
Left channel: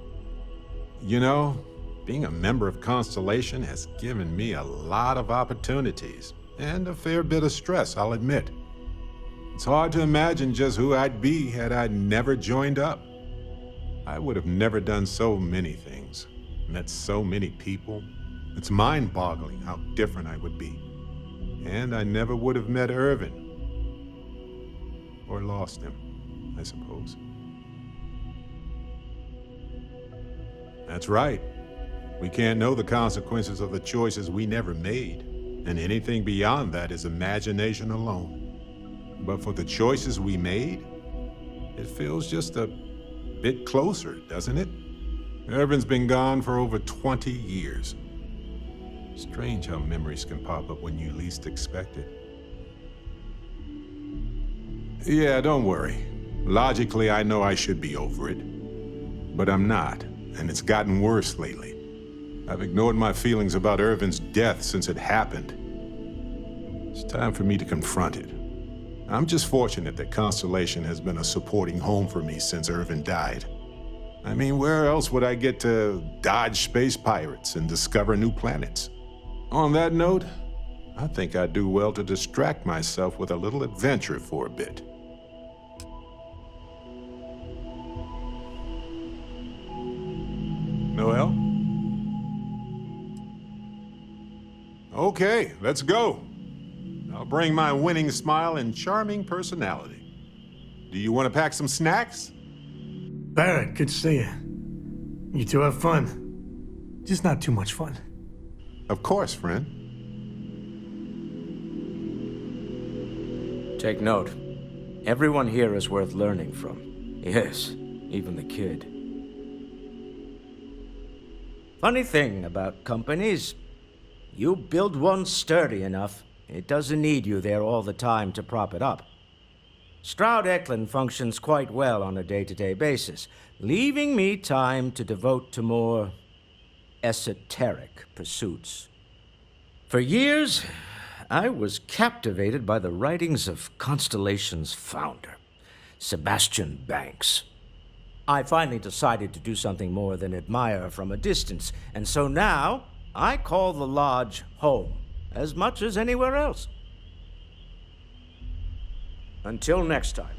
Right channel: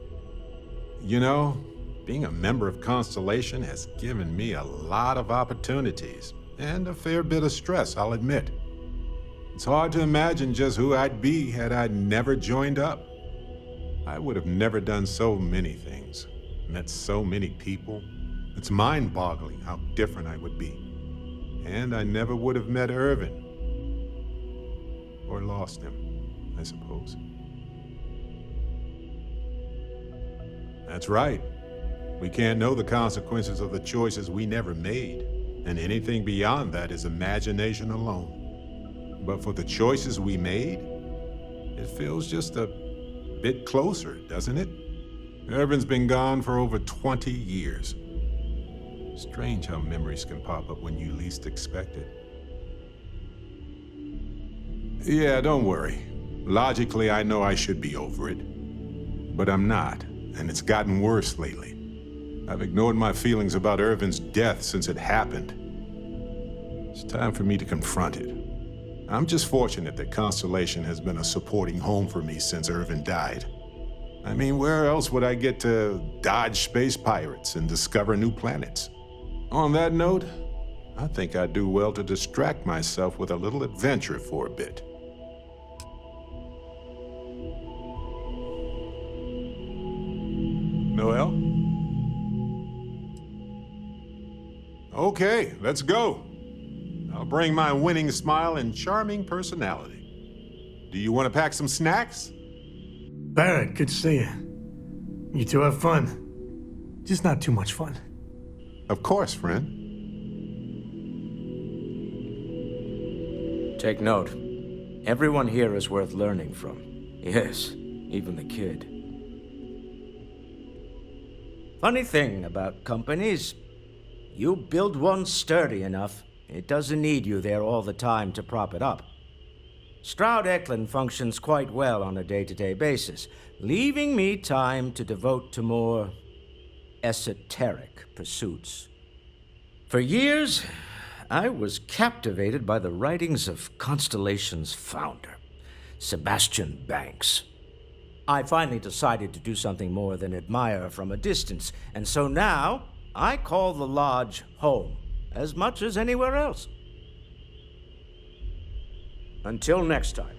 You know, being a member of Constellation has given me a lot of opportunities, and a fair bit of stress, I'll admit. It's hard to imagine just who I'd be had I never joined up. I would have never done so many things, met so many people. It's mind-boggling how different I would be. And I never would have met Irvin. Or lost him, I suppose. That's right. We can't know the consequences of the choices we never made, and anything beyond that is imagination alone. But for the choices we made, it feels just a bit closer, doesn't it? Irvin's been gone for over 20 years. Strange how memories can pop up when you least expect it. Yeah, don't worry. Logically, I know I should be over it. But I'm not, and it's gotten worse lately. I've ignored my feelings about Irvin's death since it happened. It's time for me to confront it. I'm just fortunate that Constellation has been a supporting home for me since Irvin died. I mean, where else would I get to dodge space pirates and discover new planets? On that note, I think I'd do well to distract myself with a little adventure for a bit. Noel? Okay, let's go. I'll bring my winning smile and charming personality. Do you want to pack some snacks? Barrett, good to see you. You two have fun. Just not too much fun. Of course, friend. Take note. Everyone here is worth learning from. Yes, even the kid. Funny thing about companies, you build one sturdy enough, it doesn't need you there all the time to prop it up. Stroud Eklund functions quite well on a day-to-day basis, leaving me time to devote to more esoteric pursuits. For years, I was captivated by the writings of Constellation's founder, Sebastian Banks. I finally decided to do something more than admire from a distance, and so now I call the Lodge home as much as anywhere else. Until next time.